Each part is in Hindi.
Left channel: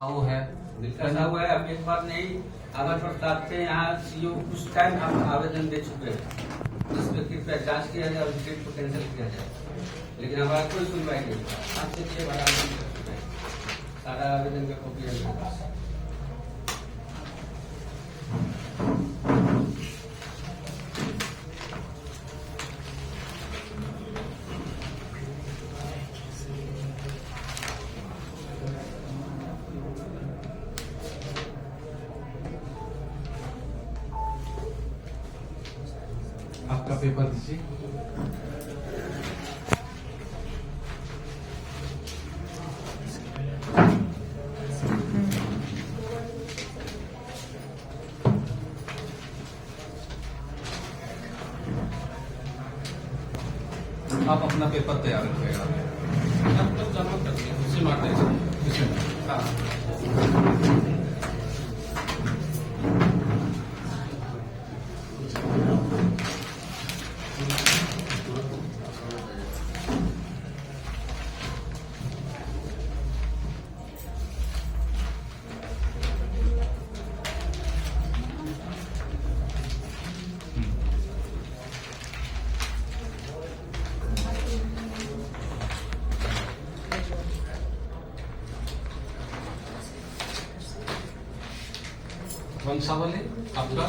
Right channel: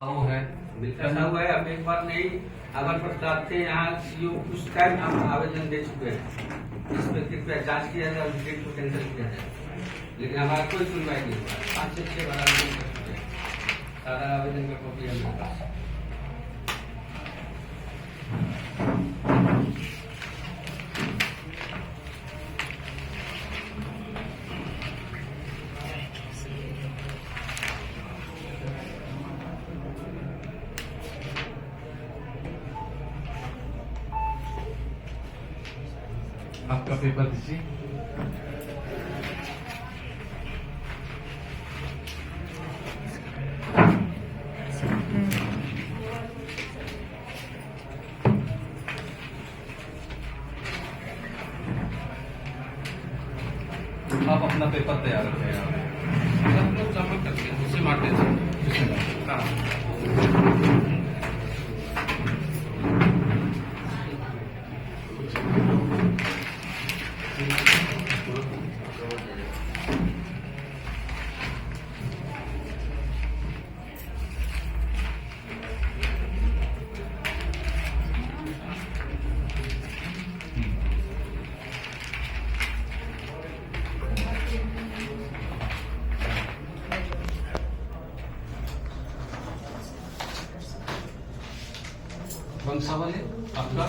वो है ऐसा हुआ है। अब एक बार नहीं, अगर प्रस्ताव थे यहाँ उस टाइम हम आवेदन दे चुके हैं, इस पर कृपया जांच किया जाए और डेट को कैंसिल किया जाए, लेकिन हमारा कोई सुनवाई नहीं हुआ। 5 से 6 बार आवेदन कर चुके हैं, सारा आवेदन का कॉपी है मेरे पास। आपका पेपर दीजिए। आप अपना पेपर तैयार रखिएगा। आप लोग जमा करते हैं, उसे मारते हैं। हाँ। कौन सा वाले आपका?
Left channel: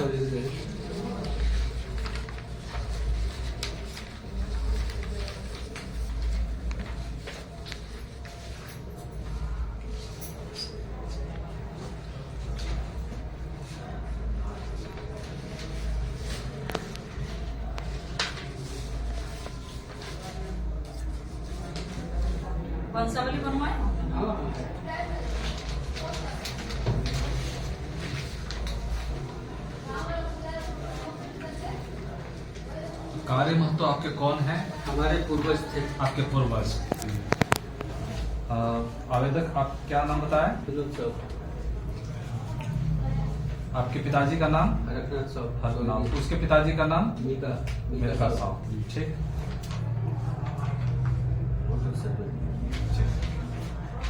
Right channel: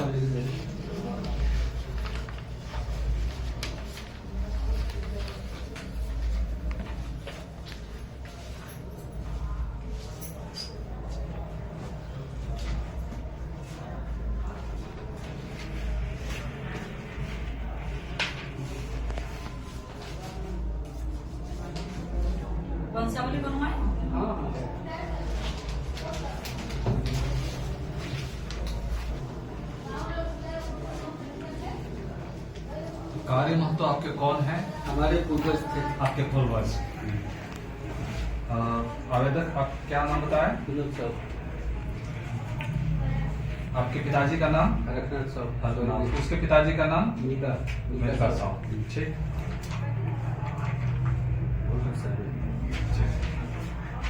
वंशावली बनवाए हो? कार्य महतो आपके कौन है? हमारे पूर्वज थे। आपके पूर्वज। आवेदक आप क्या नाम बताया? विनोद साहब, आपके पिताजी का नाम? रघुनाथ साहब, हर नाम। उसके पिताजी का नाम? मीका साहब। ठीक।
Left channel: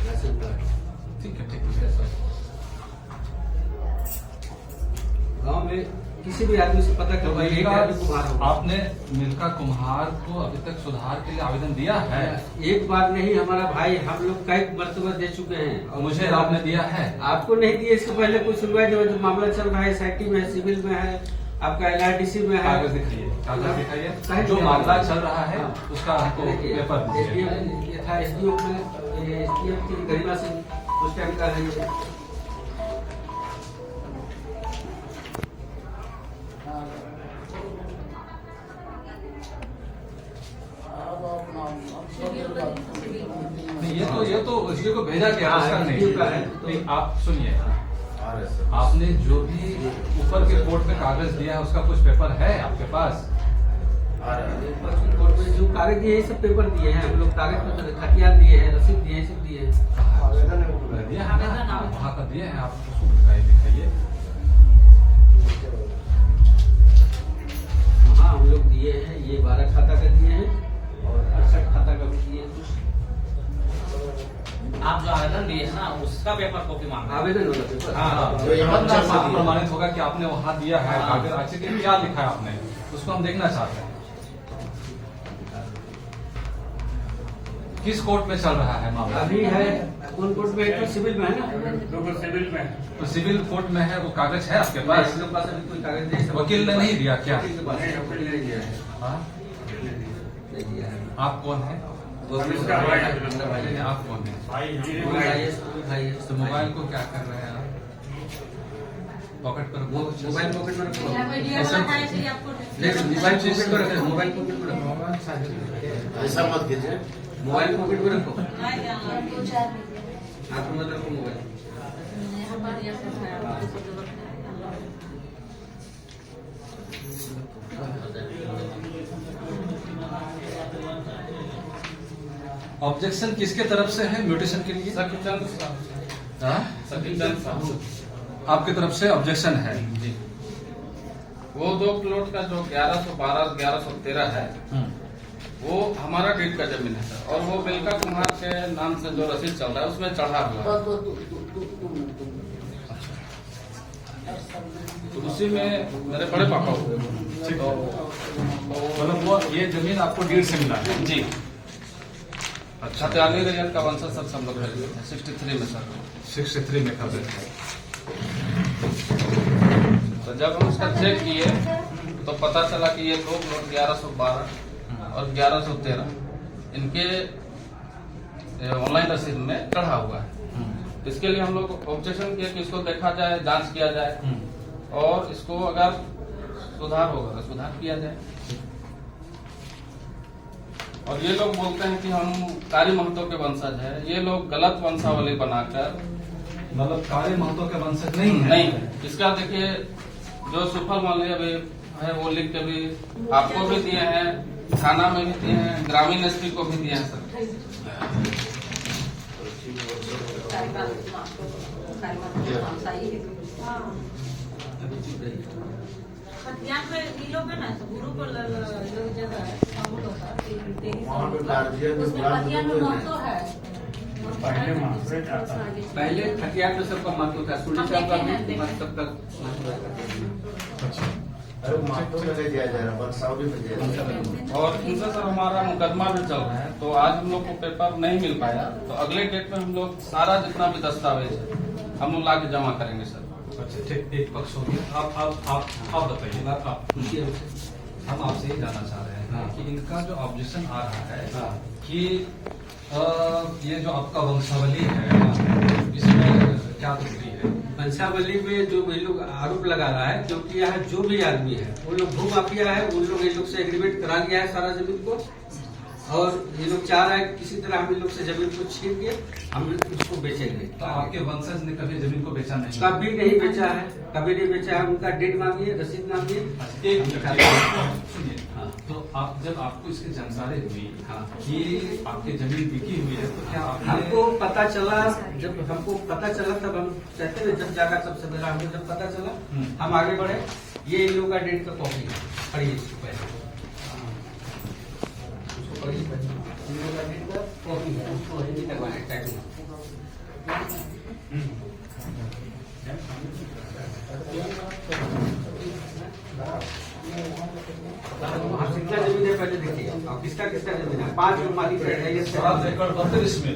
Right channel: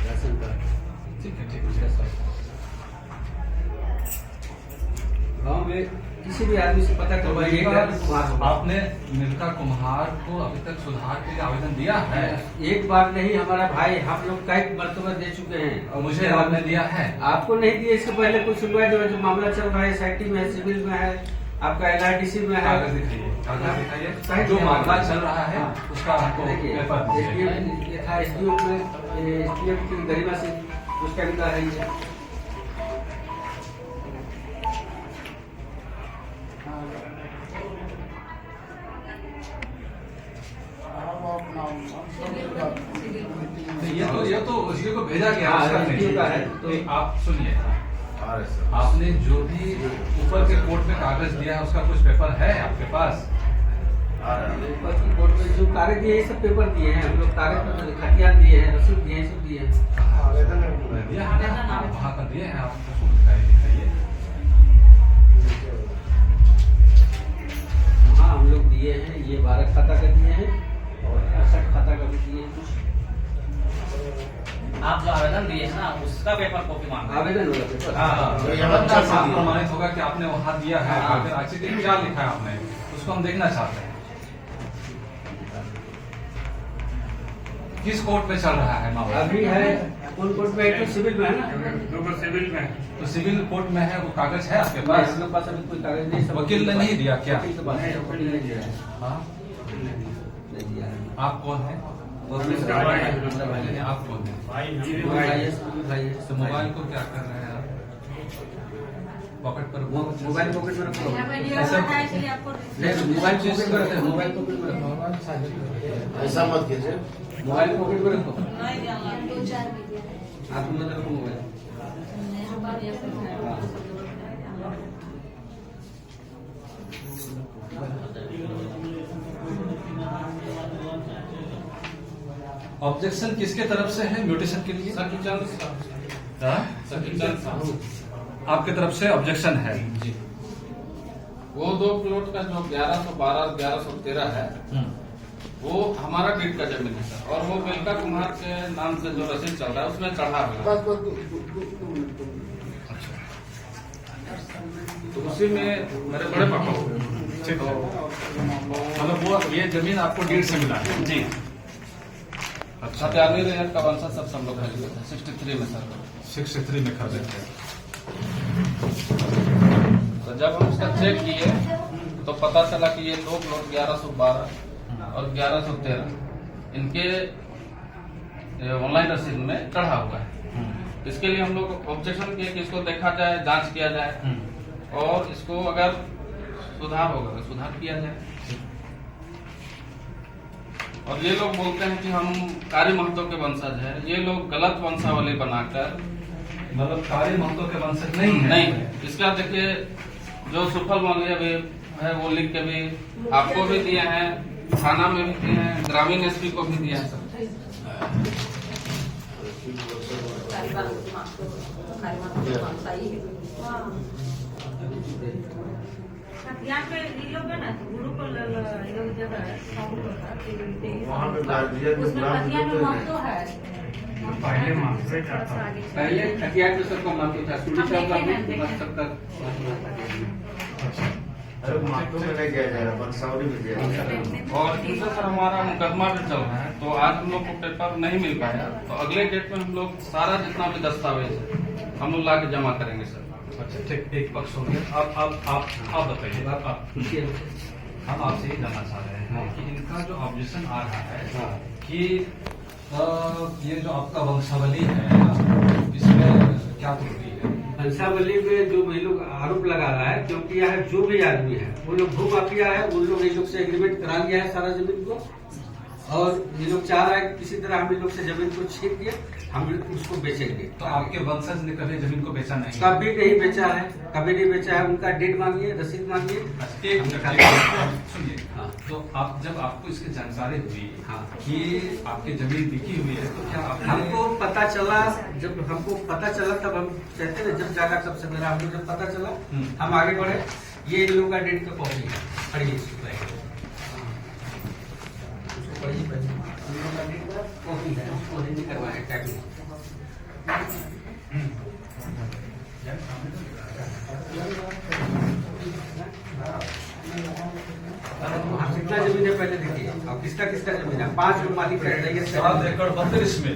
Ration card. ठीक है, ठीक है। गाँव में किसी भी आदमी से पता तो करवाइए, आपने मिल्खा कुम्हार को अभी तक सुधार के लिए आवेदन दिया है? एक बार नहीं, हमारा भाई, हम लोग कई मरतबा दे चुके हैं। और मुझे आपने दिया है? आपको नहीं दिया, इसके पहले कोई सुनवाई नहीं हुई। जो मामला चल रहा है SIT में है, सिविल में है, आपका LRDC में है। कागज दिखाइए, कागज दिखाइए। जो मामला चल रहा है उसका हमको पेपर दीजिए। ये था SDO में, SDO की गरिमा से उस टाइम का है ये। ये तो SDO को भेजा गया, उसका SDO का है। नहीं। आप सुनिए, आपने जो भी ऊपर के कोर्ट में कागज दिया है उसका कुछ पेपर है आपके पास? कोर्ट में जो कागज दिए हैं, सब पेपर दिए हैं हम लोग। कागज खतियान दिए हैं, रसीद दिए हैं, सब दिए हैं। दिया है ना, वहाँ का दिए हैं। आप उसको दिखाइए। हाँ, हम लोग दिए हैं। ये 12 खाता का दिए हैं और 68 खाता का भी दिए हैं। आप जो आवेदन दिए हैं ना, उसका पेपर कॉपी मांगा। आवेदन होगा पेपर। हाँ, प्रमाणित होगा कि आपने वहाँ दिया है। कागज अच्छे क्या लिखा है आपने, उसको हम देखना चाहते हैं। किस कोर्ट में चल रहा है मामला? अभी है कौन कोर्ट में? एक तो सिविल में है ना। सिविल में तो सिविल कोर्ट में है, वो कागज है आपके पास? इसके पास अभी कोई कागज नहीं। वकील ने नहीं दिया क्या? वकील के पास है, वकील ने नहीं दिया है। हाँ, नहीं दिया है। आप कौन है? वकील का भाई है, मेरा भाई है। आप कौन है? भाई है। तो मोबाइल को क्या कर रहे हैं आप? पॉकेट पर? मोबाइल पॉकेट में रखो। यहाँ पे ये वाला है कि आपको नहीं, मोबाइल पॉकेट में रखो। मोबाइल पॉकेट में रखो। ऐसा मत कीजिए। मोबाइल पॉकेट में रखो। नहीं दिया ना। हाथ में मत रखो मोबाइल। हमारे यहाँ से है, सब लोग रखते हैं। ऑब्जेक्शन किसके तरफ से है म्यूटेशन के लिए? हाँ? आपकी तरफ से ऑब्जेक्शन है? वो 2 प्लॉट का जो 1112 1113 है, वो हमारा डीड का जमीन है सर, और वो मिल्का कुमार के नाम से जो रसीद चल रहा है उसमें चढ़ा हुआ है। तो उसी में मेरे बड़े पापा हो गए। तो मतलब वो ये जमीन आपको डीड से मिला है? जी, अच्छा, 93 रैयत का वंशज सर सब लोग खरीदे थे 63 में सर। 63 में खरीदे थे। तो जब हम उसका चेक किए तो पता चला कि ये 2 प्लॉट 1112 और 1113 इनके ऑनलाइन रसीद में चढ़ा हुआ है। इसके लिए हम लोग ऑब्जेक्शन किए कि इसको देखा जाए, जांच किया जाए और इसको अगर सुधार होगा तो सुधार किया जाए। और ये लोग बोलते हैं कि हम कारी महतो के वंशज है। ये लोग गलत वंशावली बनाकर, मतलब कारी महतो के वंशज नहीं है? नहीं है। इसका देखिए जो सुफल माल्य भी है वो लिख के भी आपको भी दिए हैं, थाना में भी दिए हैं, ग्रामीण एसपी को भी दिए हैं सर। यहाँ पे ये लोग है ना, गुरु को लोग जो है उसमें खतियान में महत्व है। पहले खटियाट में सबका महत्व था, सुनी साहब का मत सबका और इनसे सर हमारा मुकदमा भी चल रहा है, तो आज हम लोग को पेपर नहीं मिल पाया, तो अगले डेट में हम लोग सारा जितना भी दस्तावेज है हम लोग ला के जमा करेंगे सर। अच्छा ठीक, एक पक्ष हो गया। आप बताइए, हम आपसे ये जानना चाह रहे हैं कि इनका जो ऑब्जेक्शन आ रहा है कि ये जो आपका वंशावली है इसमें क्या त्रुटि है? वंशावली में जो ये लोग आरोप लगा रहा है, क्योंकि यहाँ जो भी आदमी है वो लोग भू माफिया है, उन लोग इन लोग से एग्रीमेंट करा लिया है सारा जमीन को, और ये लोग चाह रहा है कि किसी तरह हम इन लोग से जमीन को छीन के हम उसको बेचेंगे। तो आपके वंशज ने कभी जमीन को बेचा नहीं? कभी नहीं बेचा है, कभी नहीं बेचा है। उनका डेट मांगिए, रसीद मांगिए। सुनिए, तो आप जब आपको इसकी जानकारी हुई कि आपकी जमीन बिकी हुई है तो क्या हमको पता चला, जब हमको पता चला तब हम कहते हैं जब जागा तब सवेरा, हमको जब पता चला हम आगे बढ़े। ये इन लोगों का डेट का कॉपी है, पढ़िए इसको पहले, इन लोगों का डेट का कॉपी है, उसको रेडी करवाए टाइपिंग। कितना जमीन है पहले देखिए, और किसका किसका जमीन है। 5 लोग मालिक है, 7 एकड़ 32 में।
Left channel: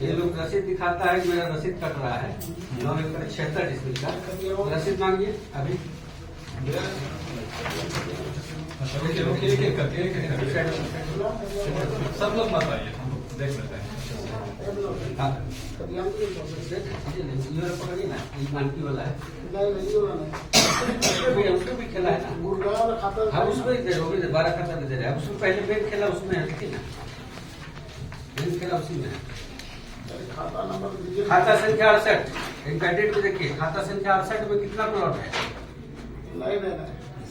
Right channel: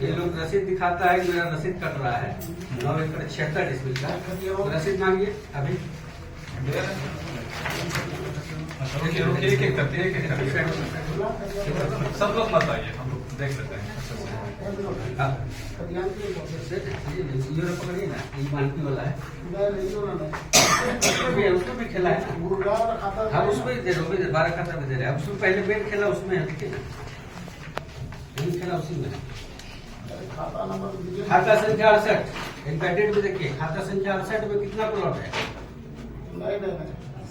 ये लोग रसीद दिखाता है, मेरा रसीद कट रहा है 9 एकड़ 76 डिसमिल का। रसीद मांगिए अभी। एक करके सब लोग मत आइए, हम लोग देख लेते हैं। पकड़िए ना, ये मानकी वाला है, उसमें भी खेला है ना, हम उसको ही दे रहे हो, 12 खाता में दे रहे हैं। अब उसमें पहले बैंक खेला उसमें है, देखिए ना, बैंक खेला उसी में है। खाता संख्या 68, इनका डेट में देखिए, खाता संख्या 68 में कितना प्लॉट है?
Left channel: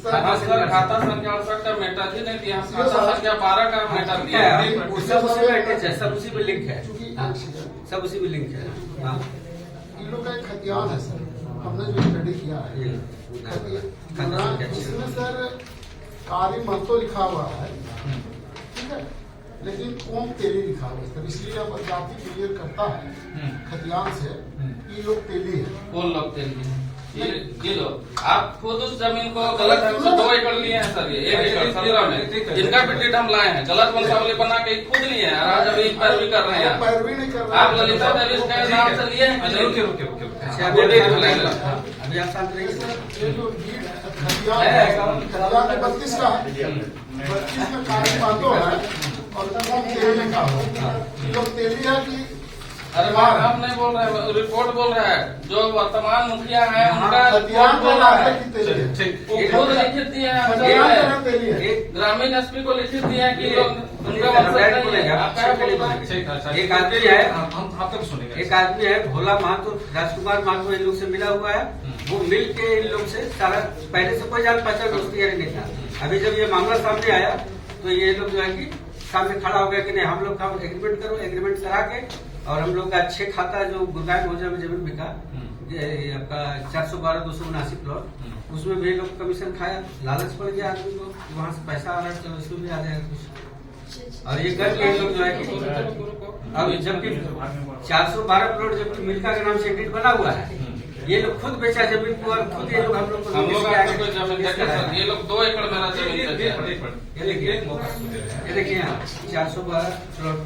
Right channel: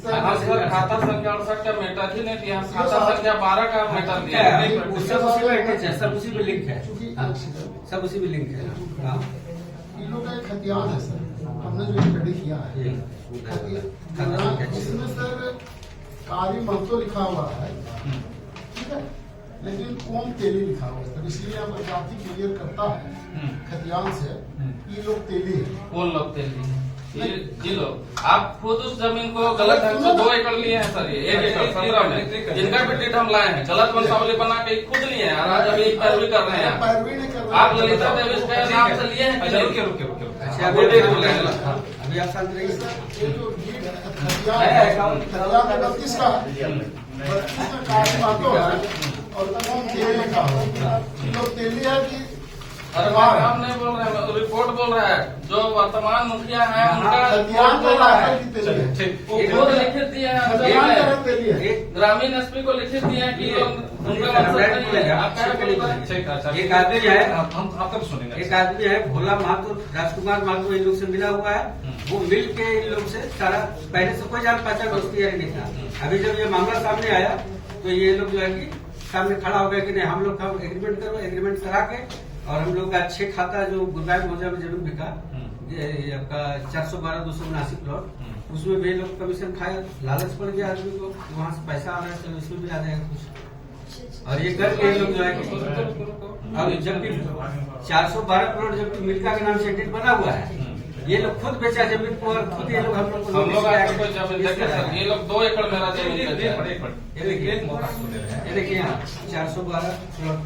खाता संख्या 68 का मैटर ही नहीं दिया, खाता संख्या 12 का मैटर दिया है। सब उसी में अटैच है, सब उसी में लिंक है, सब उसी में लिंक है। इन लोग का एक खतियान है सर, हमने जो स्टडी किया है इसमें सर कारी महतो लिखा हुआ है, ठीक है, लेकिन कौन तेली लिखा हुआ है सर, इसलिए अब जाति क्लियर करता है खतियान से ये लोग तेली है। कौन लोग तेली? ये लोग आप खुद उस जमीन को गलत ढंग से 2 एकड़ लिए हैं सर, ये 1 एकड़ 17 में इनका भी डेट हम लाए हैं, गलत वंशावली बना के खुद लिए हैं, आज अभी पैरवी कर रहे हैं। पैरवी नहीं कर रहे आप ललिता देवी के नाम से लिए हैं। अभी आप शांत रहिए। ये जो खतियान 32 का है, 32 में कारी महतो है और कौन तेली लिखा हो, ये लोग तेली है कि अरे हम नहीं बोल रहे हैं, रिपोर्ट बोल रहा है, जो वर्तमान मुखिया है उनका खतियान बोला है कि तेली है। वो खुद लिखित दिए हैं, खतियान तरह तेली है। ग्रामीण एसपी को लिखित दिए हैं कि उनका एक आदमी है, हम आपका सुनेंगे। एक आदमी है भोला महतो, राजकुमार महतो, इन लोग से मिला हुआ है। वो मिल के इन लोग से सारा, पहले से कोई जान पहचान दोस्ती यारी नहीं था। अभी जब ये मामला सामने आया तो ये लोग जो है कि सामने खड़ा हो गया कि नहीं, हम लोग का एग्रीमेंट करो, एग्रीमेंट करा के, और हम लोग का 6 खाता जो गुरगांव मौजा में जमीन बिका, ये आपका 412-279 प्लॉट, उसमें भी लोग कमीशन खाया, लालच पड़ गया आदमी को, वहां से पैसा आ रहा है तो इसमें भी आ जाएगा कुछ। और ये करके लोग जो है कि अब जबकि 412 करोड़ जबकि मिल्का के नाम से एडिट बना हुआ है, ये लोग खुद बेचा जमीन को और खुद ये लोग हम लोग को हम लोग नोटिस आपको कोई जमीन देखे सर, ये लोग 2 एकड़ मेरा जमीन बेचे हैं। ये देखिए यहाँ 412 करोड़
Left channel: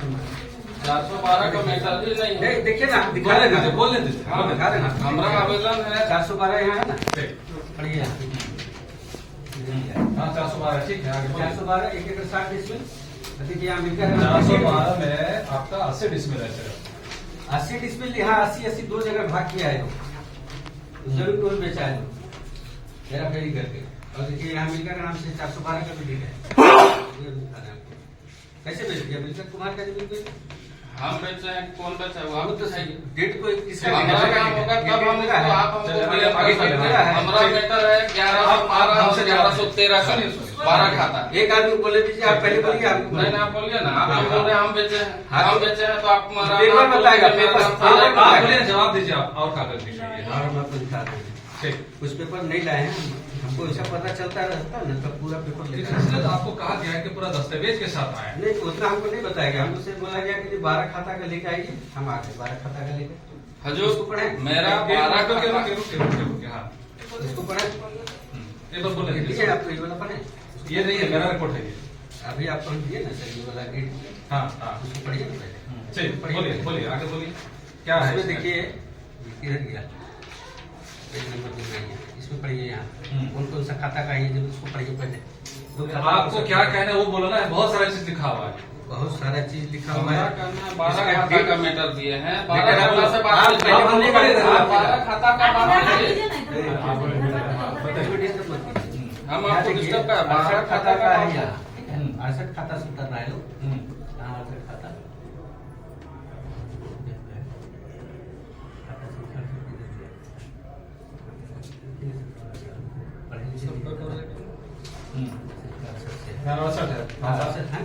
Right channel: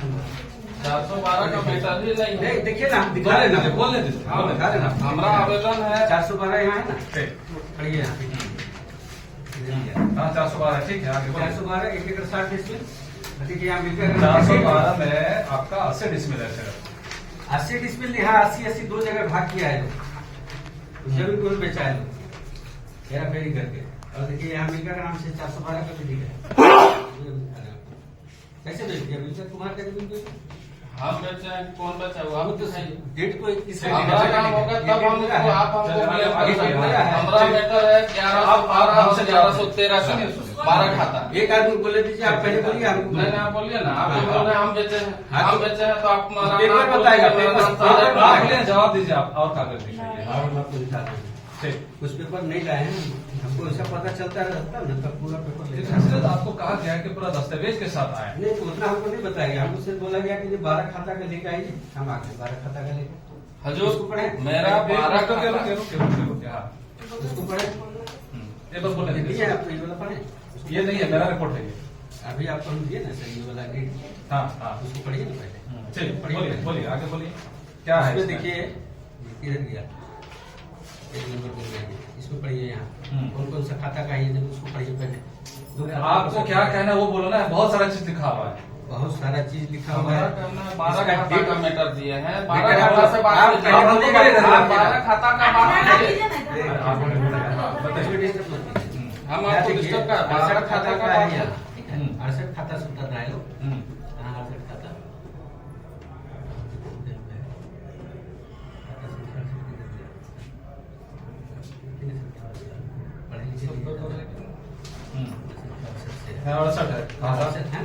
412 का मैटर भी नहीं है। देखिए ना, दिखा देना, बोलने दीजिए। हाँ दिखा देना। हमारा आवेदन है 412 यहाँ है ना, पढ़िए यहाँ हाँ 412 ठीक है, आगे बोलिए। 412 1 एकड़ 60 डिसमिल। देखिए यहाँ मिलकर 412 में आपका 80 डिसमिल है सर। 80 डिसमिल यहाँ 80 2 जगह भाग किया है लोग, जमीन को भी बेचा है लोग हेरा फेरी करके। और देखिए यहाँ मिलकर नाम से 412 का भी डील है। कैसे बेच दिया मिलकर कुमार का जमीन को? हम बेचे हैं, कौन बेचा है वो आप तो बताइए। डेट को किसका हमारा काम होगा तब हम इसको आप हमको क्लेम कर सकते हैं। हमारा मैटर है 1112 से 1113 का 12 खाता। एक आदमी बोले दीजिए, आप पहले बोलिए आपको। नहीं आप बोलिए ना, आप जो बोल रहे हैं हम बेचे हैं, हम बेचे हैं तो आप हमारा पेपर बताएगा, पेपर आप बोलिए, जवाब दीजिए आप, और कागज दिखाइए। और हम आपको दिखाते हैं, ठीक, कुछ पेपर नहीं लाए हैं, हमको ऐसा पता चलता रहता है ना, तब पूरा पेपर ठीक लेकर है, इसलिए तो आपको कहा गया है कि पूरा दस्तावेज के साथ आए। नहीं तो उतना हमको नहीं बताया गया, हमको सिर्फ बोला गया कि 12 खाता का लेके आइए, हम आ गए 12 खाता का लेके। हजूर इसको पढ़े, मेरा 12 का हाँ इसको पढ़े, ये बस बोले दीजिए आपको ये वाला पढ़े। ये नहीं है, मेरा रिपोर्ट है ये। अभी आपको हम दिए ना सर ये वाला डेट, हाँ हाँ उसको पढ़िए ना पहले। ठीक, बोलिए बोलिए आगे बोलिए, क्या है इसमें इसमें? देखिए ये किधर गया, पेज नंबर दिख रही है, इसमें पढ़िए यहाँ कौन कौन सा खाता का है, जब उसको पढ़िए पहले। दो खाता आपको का क्या कहना है वो बोलो ना, बहुत सारा चीज लिखा हुआ है। बहुत सारा चीज लिखा हुआ है। 12 इसका खाता डेट का मैटर दिए हैं, मैटर 12 खाता से बात आप कीजिए। पहले बोलिएगा, आप 12 खाता का बात कीजिए। इसमें डिस्टर्ब मत कीजिए। हम आपको डिस्टर्ब कर 68 खाता का है यहाँ, ठीक है, हम्म। 68 खाता से उतर रहा है लोग, हम्म, कहाँ 68 खाता हम्म। 68 है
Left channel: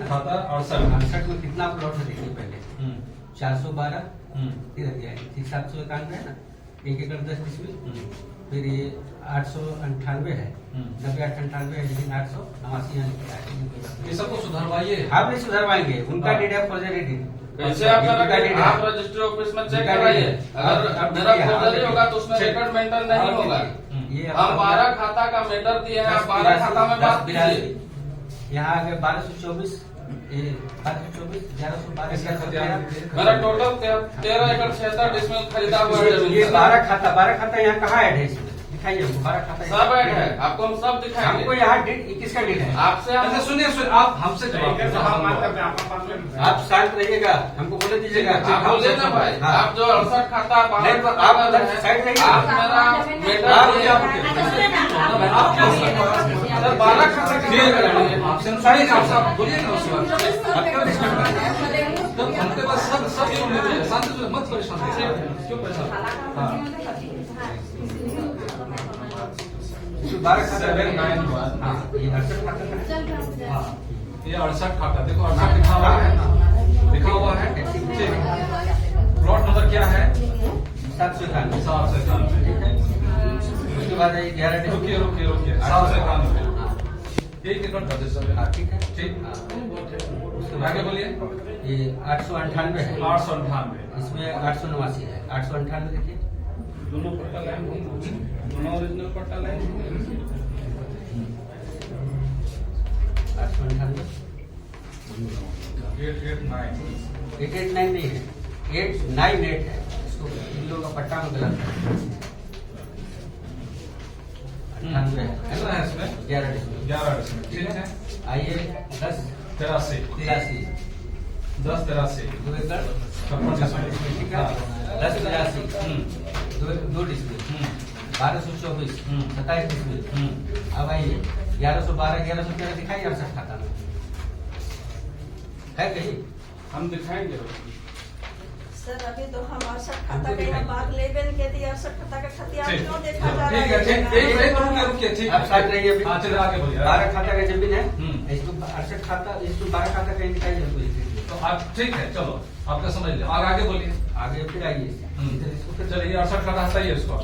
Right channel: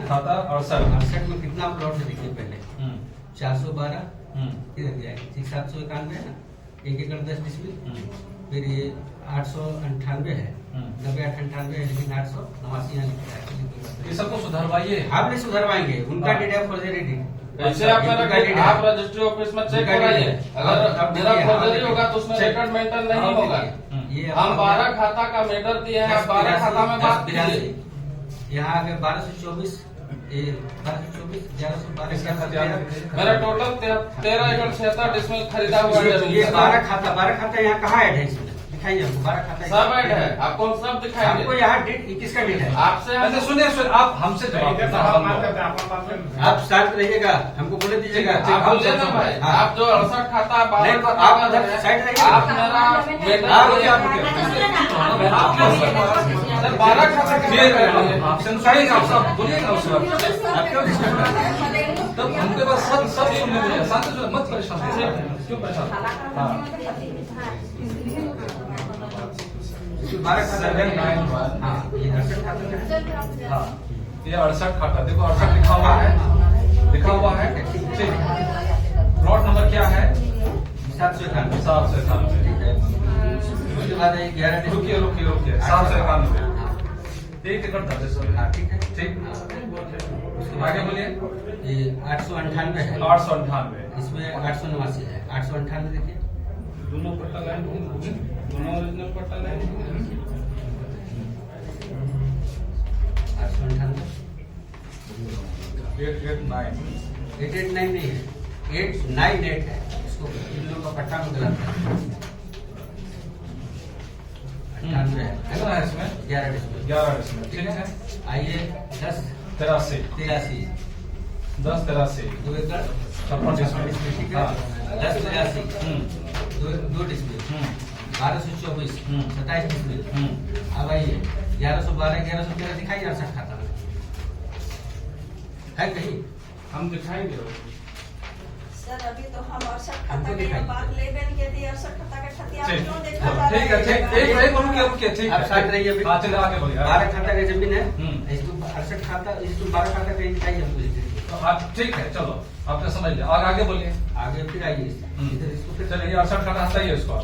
खाता 68। 68 में कितना प्लॉट है देखिए पहले, 412 किधर गया है, 791 है ना, 1 एकड़ 10 डिसमिल। फिर ये 898 है, 90 98 है, लेकिन 889 यहाँ लिखा है। ये सबको सुधरवाइए। आप नहीं सुधरवाएंगे, उनका डेट है फॉर्जरी डेट। ऐसे आप आप रजिस्ट्री ऑफिस में चेक कराइए, अगर मेरा फॉर्जरी होगा तो उसमें रिकॉर्ड मेंटेन नहीं होगा। ये हम 12 खाता का मैटर दिए हैं, आप 12 खाता में बात कीजिए। यहाँ आ गए 1224, 1224, 1112। मेरा टोटल 13 एकड़ 76 डिसमिल खरीदा हुआ है। ये 12 खाता यहाँ कहाँ ऐड है, इसमें दिखाइए हमको 12 खाता। सब ऐड है, आपको हम सब दिखाएंगे। हमको यहाँ डेट किसका डेट है? आपसे अच्छा सुनिए सुनिए, आप हमसे जवाब आप शांत रहिएगा, हमको बोले दीजिएगा। आप बोलिए ना भाई, हाँ। आप जो 68 खाता नहीं, 12 आप खाता उधर है, साइड रहिए। आप मेरा मैटर आप बोलिए। सर 12 खाता का मैटर है। आपसे बोलिए ना उससे, आप क्यों डिस्टर्ब कर रहे हैं? तब हमके पास सब सुनने दीजिए, शांत जो मत परेशान कीजिए। क्यों परेशान? हाँ 12 खाता है। 791। हाँ, ये 68 खाता है। हाँ ये 68 खाता, देखो 68 लिखा हुआ है, लिखा हुआ है। ठीक, प्लॉट नंबर क्या है? 791। 791। ठीक है, उसके बाद 11 रुकिए रुकिए रुकिए, 791। 1 एकड़ 10 हाँ ठीक है, ठीक। हाँ। उसके आगे बाद बोलिए। ये 898 है, 898। इसमें 889 है। 898 देखिए, दोनों पट्टा लाइन, दोनों ओरिजिनल पट्टा लाइन। 898 889। 889 नहीं है, 898 है। इसको इन लोगों का पट्टा में गलत है। 98 है कितना है इसमें? 11 डिसमिल। 11 डिसमिल, ठीक है। आइए 10 83। 83 10 83। 2 एकड़ 56 डिसमिल, ठीक है। 10 83 2 डिसमिल। 1224 27 डिसमिल। अब आइए 1112 1113 दिखाई 68 खाता में है कहीं? हम दिखाएंगे। सर अभी तो हम 68 खाता हमको के दिखाइए। बात लेबेन के थी, 68 खाता के खतिया क्यों देखा जा ठीक है, रहा ठीक है? एक रुकिए रुकिए, ठीक आप साथ रहिए अभी। हाँ चलिए आगे बोलिए। 12 खाता का जमीन है, हम्म। इसको 68 खाता, इसको 12 खाता कहीं दिखाई हमको। तो आप ठीक है, चलो आपने समझ लिया, आगे बोलिए। आगे फिर आइए इधर, इसको फिर चलिए 68 खाता हटाइए इसको।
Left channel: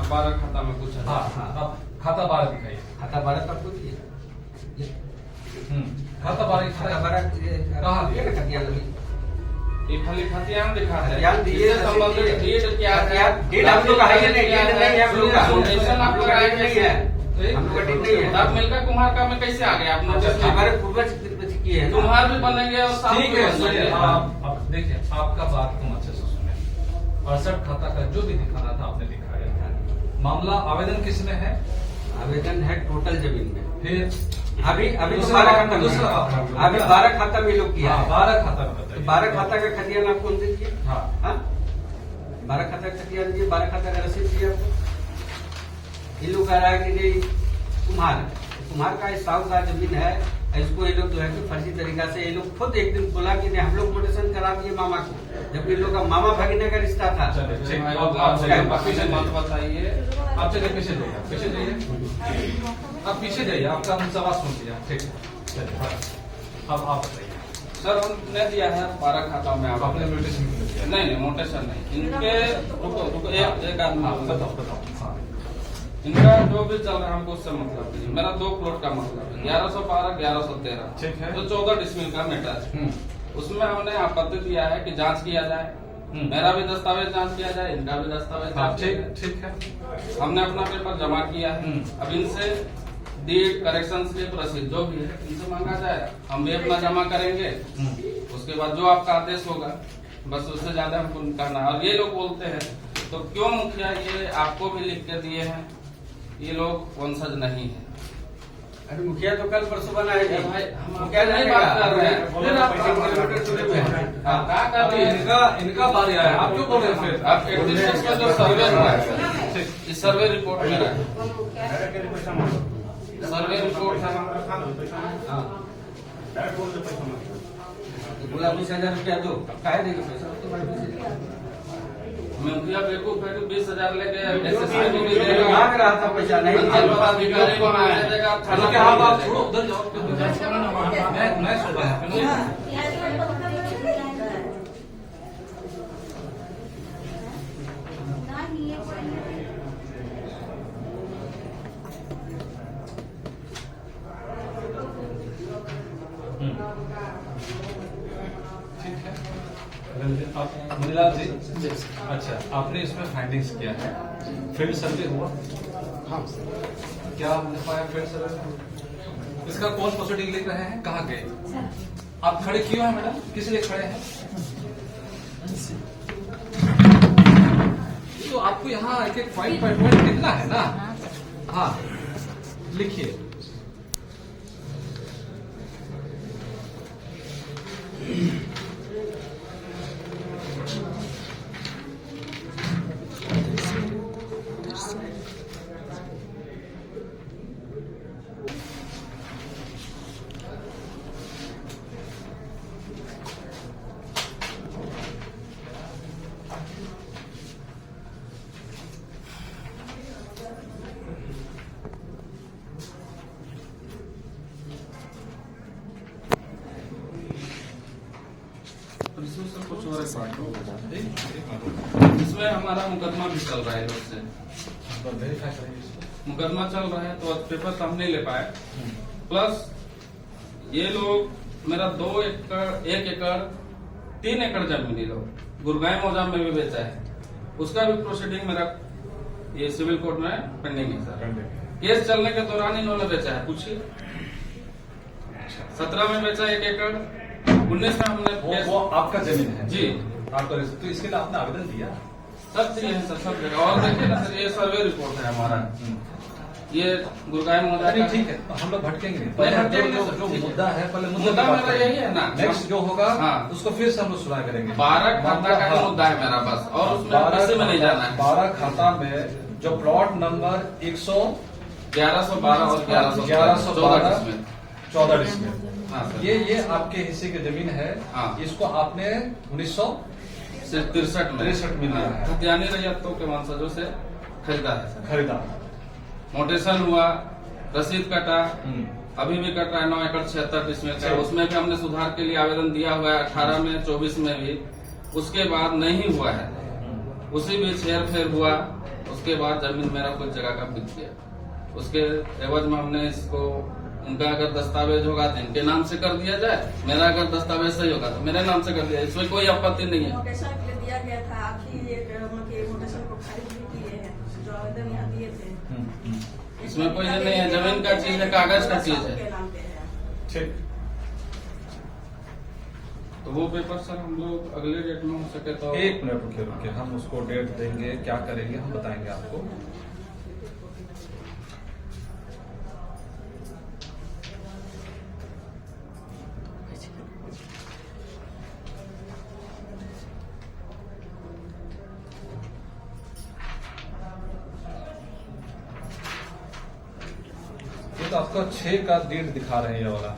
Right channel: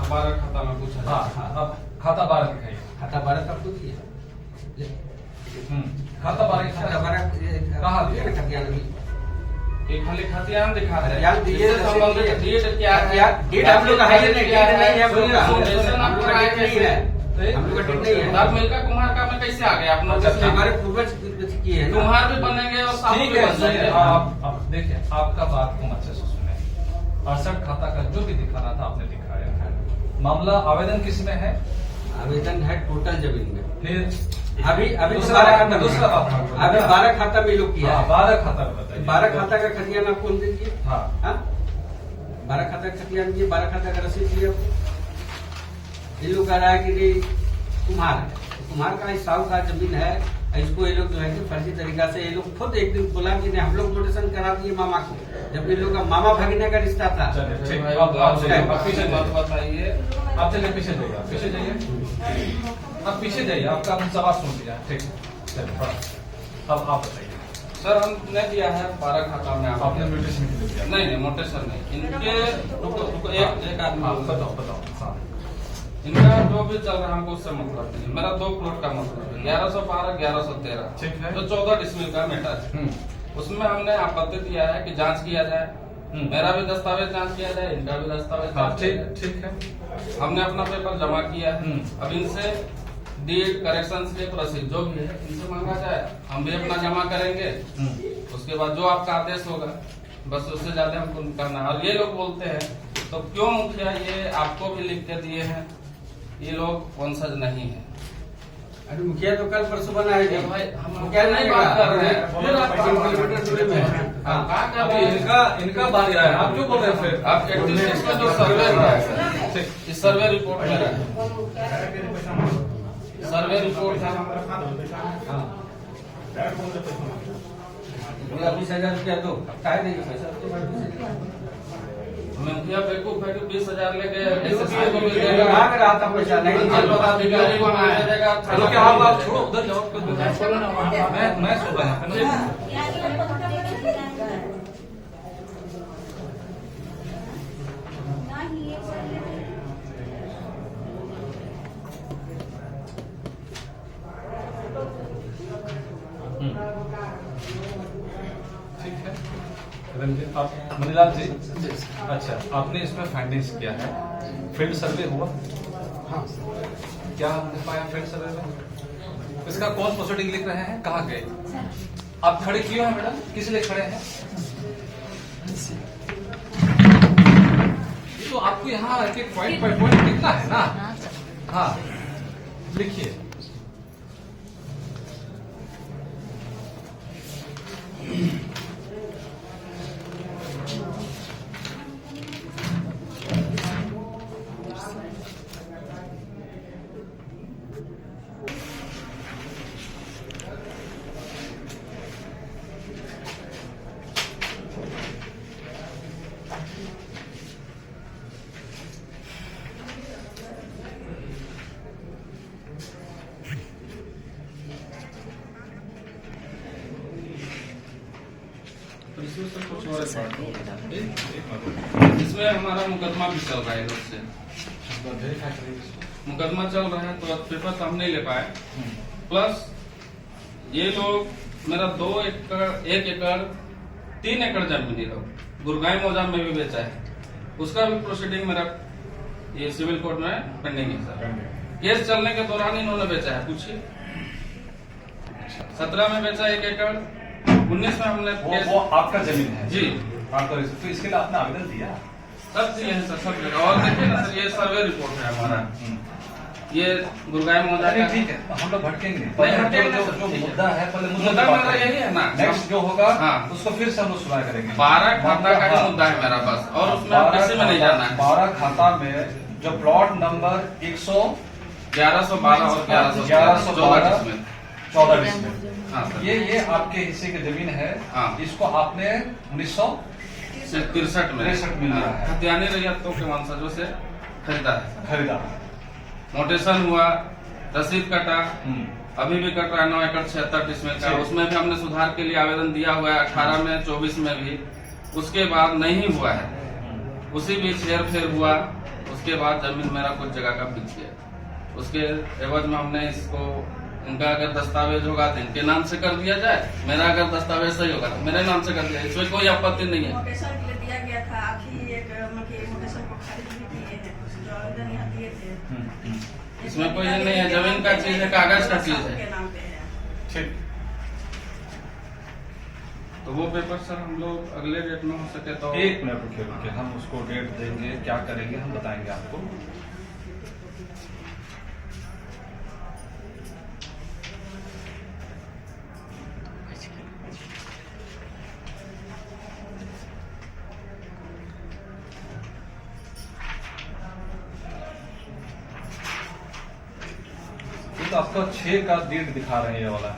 अब 12 खाता में कुछ है। हाँ हाँ, अब खाता 12 दिखाइए। खाता 12 का खुद ही है। खाता 12 खाता 12 कहाँ दिया ना खतियान अभी। ये खाली खतियान दिखा रहे हैं। खतियान दिए, इससे संबंधित डेट क्या है? डेट हम लोग का है ही नहीं, डेट नहीं है हम लोग का। हम लोग का डेट नहीं है, हम लोग का डेट नहीं है। अब मिलका कुम्हार का में कैसे आ गया आप लोग? हमारे पूर्वज किए हैं। कुम्हार भी बनेंगे और साहू ठीक भी है, बनेंगे। सुनिए, आप अब देखिए, आपका बात को अच्छे से सुने। 68 खाता का जो भी दिखाना था आपने दिखाया है। मामला आवेदन किसमें है? आवेदन है टोटल जमीन में। फिर अभी तो दूसरा 12 खाता में दूसरा है। बात अभी 12 खाता में लोग किया है। 12 खाता बताइए। 12 खाता का खतियान आप कौन दीजिए? हाँ। 12 खाता का खतियान दिए, 12 खाता का रसीद दिया आपको। ये लोग कह रहा है कि नहीं कुम्हार है, कुम्हार का साहू का जमीन है। इसको ये लोग जो है कि फर्जी तरीका से ये लोग खुद एक दिन बोला कि नहीं हम लोग मोटेशन करा दिए मामा को, जब इन लोग का मामा भगीना का रिश्ता था। चलिए, ठीक। अब आप जाइए, आप पीछे मत बताइए। आप चलिए, पीछे जाइए, आप पीछे जाइए, आप पीछे जाइए, आपका हम सवाल सुन लिया। ठीक है, चलिए थोड़ा अब आप बताइए। सर हमने दिया है 12 खाता में। आप आपने नोटिस नहीं किया? नहीं मोटेशन नहीं। इनके रुको एक आदमी हाँ, बताओ। हाँ, इनका जो भी चल रहा है हमको उससे मतलब नहीं है। मेरा 2 प्लॉट का मतलब है 1112 1113। ठीक है। तो 14 डिसमिल का मैटर है। उसमें हमने आपत्ति किया है कि जांच किया जाए। मेरा भी दस्तावेज जांच किया जाए, इनका भी दस्तावेज हाँ, जांच किया जाए। ठीक है। हमने अपना पेपर जमा किया है। अब इनसे डीड करेक्शन के रसीद जो भी है इनसे मांगा जाए, हम भी अपना जमा करेंगे। उसके बाद जो आपका आदेश होगा बस उससे ज्यादा हमको करना है। और ये लोग बोलते हैं तो क्यों मुखिया ये आपको भी लिख के दिए हैं, ये लोग वंशज नहीं है। अरे मुखिया तो कल परसों बना है भाई हम क्या नहीं बात कर रहे हैं। फिर आप 3 किलोमीटर दूरी में है। कहाँ का अभी भी इनका बारी आया है, आप क्यों बोल रहे हैं फिर? आप 86 का जो सर्वे है इस सर्वे रिपोर्ट में है। सर्वे रिपोर्ट है। बोला 20,000 रुपया दो, काहे देंगे पैसा तो भाई पैसे मुखिया बेवकूफ है कि 20,000 लेके SSI को भी दे देगा। मांग रहा था पैसा नहीं जनपद अधिकारी को मांगा देगा। चलो क्या आप छोड़ो, उधर जाओ। मैं सुन रहा हूँ। ठीक है, मनीलाल जी, अच्छा आपने इसमें फाइंडिंग्स किया है, फील्ड सर्वे हुआ? हाँ क्या हमने पाया फील्ड सर्वे में? इसका कौन प्रोसीडिंग लिख रहे हैं, कहाँ गए? आप खड़े क्यों हैं मैडम, किस लिए खड़े हैं? तो आपको यहाँ एक एक पॉइंट बाय पॉइंट लिखना है ना। हाँ लिखिए। इसमें हमारा मुकदमा भी चल रहा है इधर से। मुकदमा चल रहा है तो पेपर तो हम नहीं ले पाए। प्लस ये लोग मेरा 2 एकड़ 1 एकड़ 3 एकड़ जमीन ये लोग गुरगांव मौजा में भी बेचा है। उसका भी प्रोसीडिंग मेरा ये सिविल कोर्ट में पेंडिंग है सर। केस चलने के दौरान इन्होंने बेचा है, पूछिए। 17 में बेचा 1 एकड़, 19 में हमने वो आपका जमीन है जी आपका, तो इसके लिए आपने आवेदन दिया? सब दिए हैं सर, सब जगह। और देखिए ना सर, ये सर्वे रिपोर्ट है हमारा। ये गुरगांव मौजा का ठीक है, हम लोग भटकेंगे नहीं, पहले भटकेंगे जो सर, जो ठीक है। मुद्दा है, पहले मुद्दा मेरा यही है ना। नेक्स्ट जो होगा हाँ। उसको फिर से हम लोग सुना करेंगे। 12 खाता का ही मुद्दा है मेरा बस, और उसमें पैसे में नहीं जाना है। 12 खाता में जो प्लॉट नंबर 1112 और 1114 में 14 डिसमिल, हाँ सर। ये आपके हिस्से की जमीन है। हाँ। इसको आपने 1963 में 63 में लिया है। खतियानी रैयतों के वंशजों से खरीदा है। खरीदा। मोटेशन हुआ, रसीद कटा, अभी भी कट रहा है 9 एकड़ 76 डिसमिल का। उसमें भी हमने सुधार के लिए आवेदन दिया हुआ है 18 में, 24 में भी। उसके बाद नहीं हुआ है, उसी बीच हेर फेर हुआ। उसके उसके बाद जमीन मेरा कुछ जगह का बिक गया, उसके एवज में हमने इसको, उनका अगर दस्तावेज होगा तो इनके नाम से कर दिया जाए, मेरा अगर दस्तावेज सही होगा तो मेरे नाम से कर दिया, इसमें कोई आपत्ति नहीं है। मोटेशन के लिए दिया गया था, आप ही एक मोटेशन को खारिज भी किए हैं, जो आवेदन यहाँ दिए थे। इसमें कोई ये नहीं है, जमीन का चीज है, कागज का चीज है। के नाम पे है। ठीक। तो वो पेपर सर हम लोग अगले डेट में हो सके तो 1 मिनट रुकिए, हम उसको डेट देंगे, क्या करेंगे हम बताएंगे आपको। ये तो आपका 6 का डेट दिखा रहे हैं, ये वाला,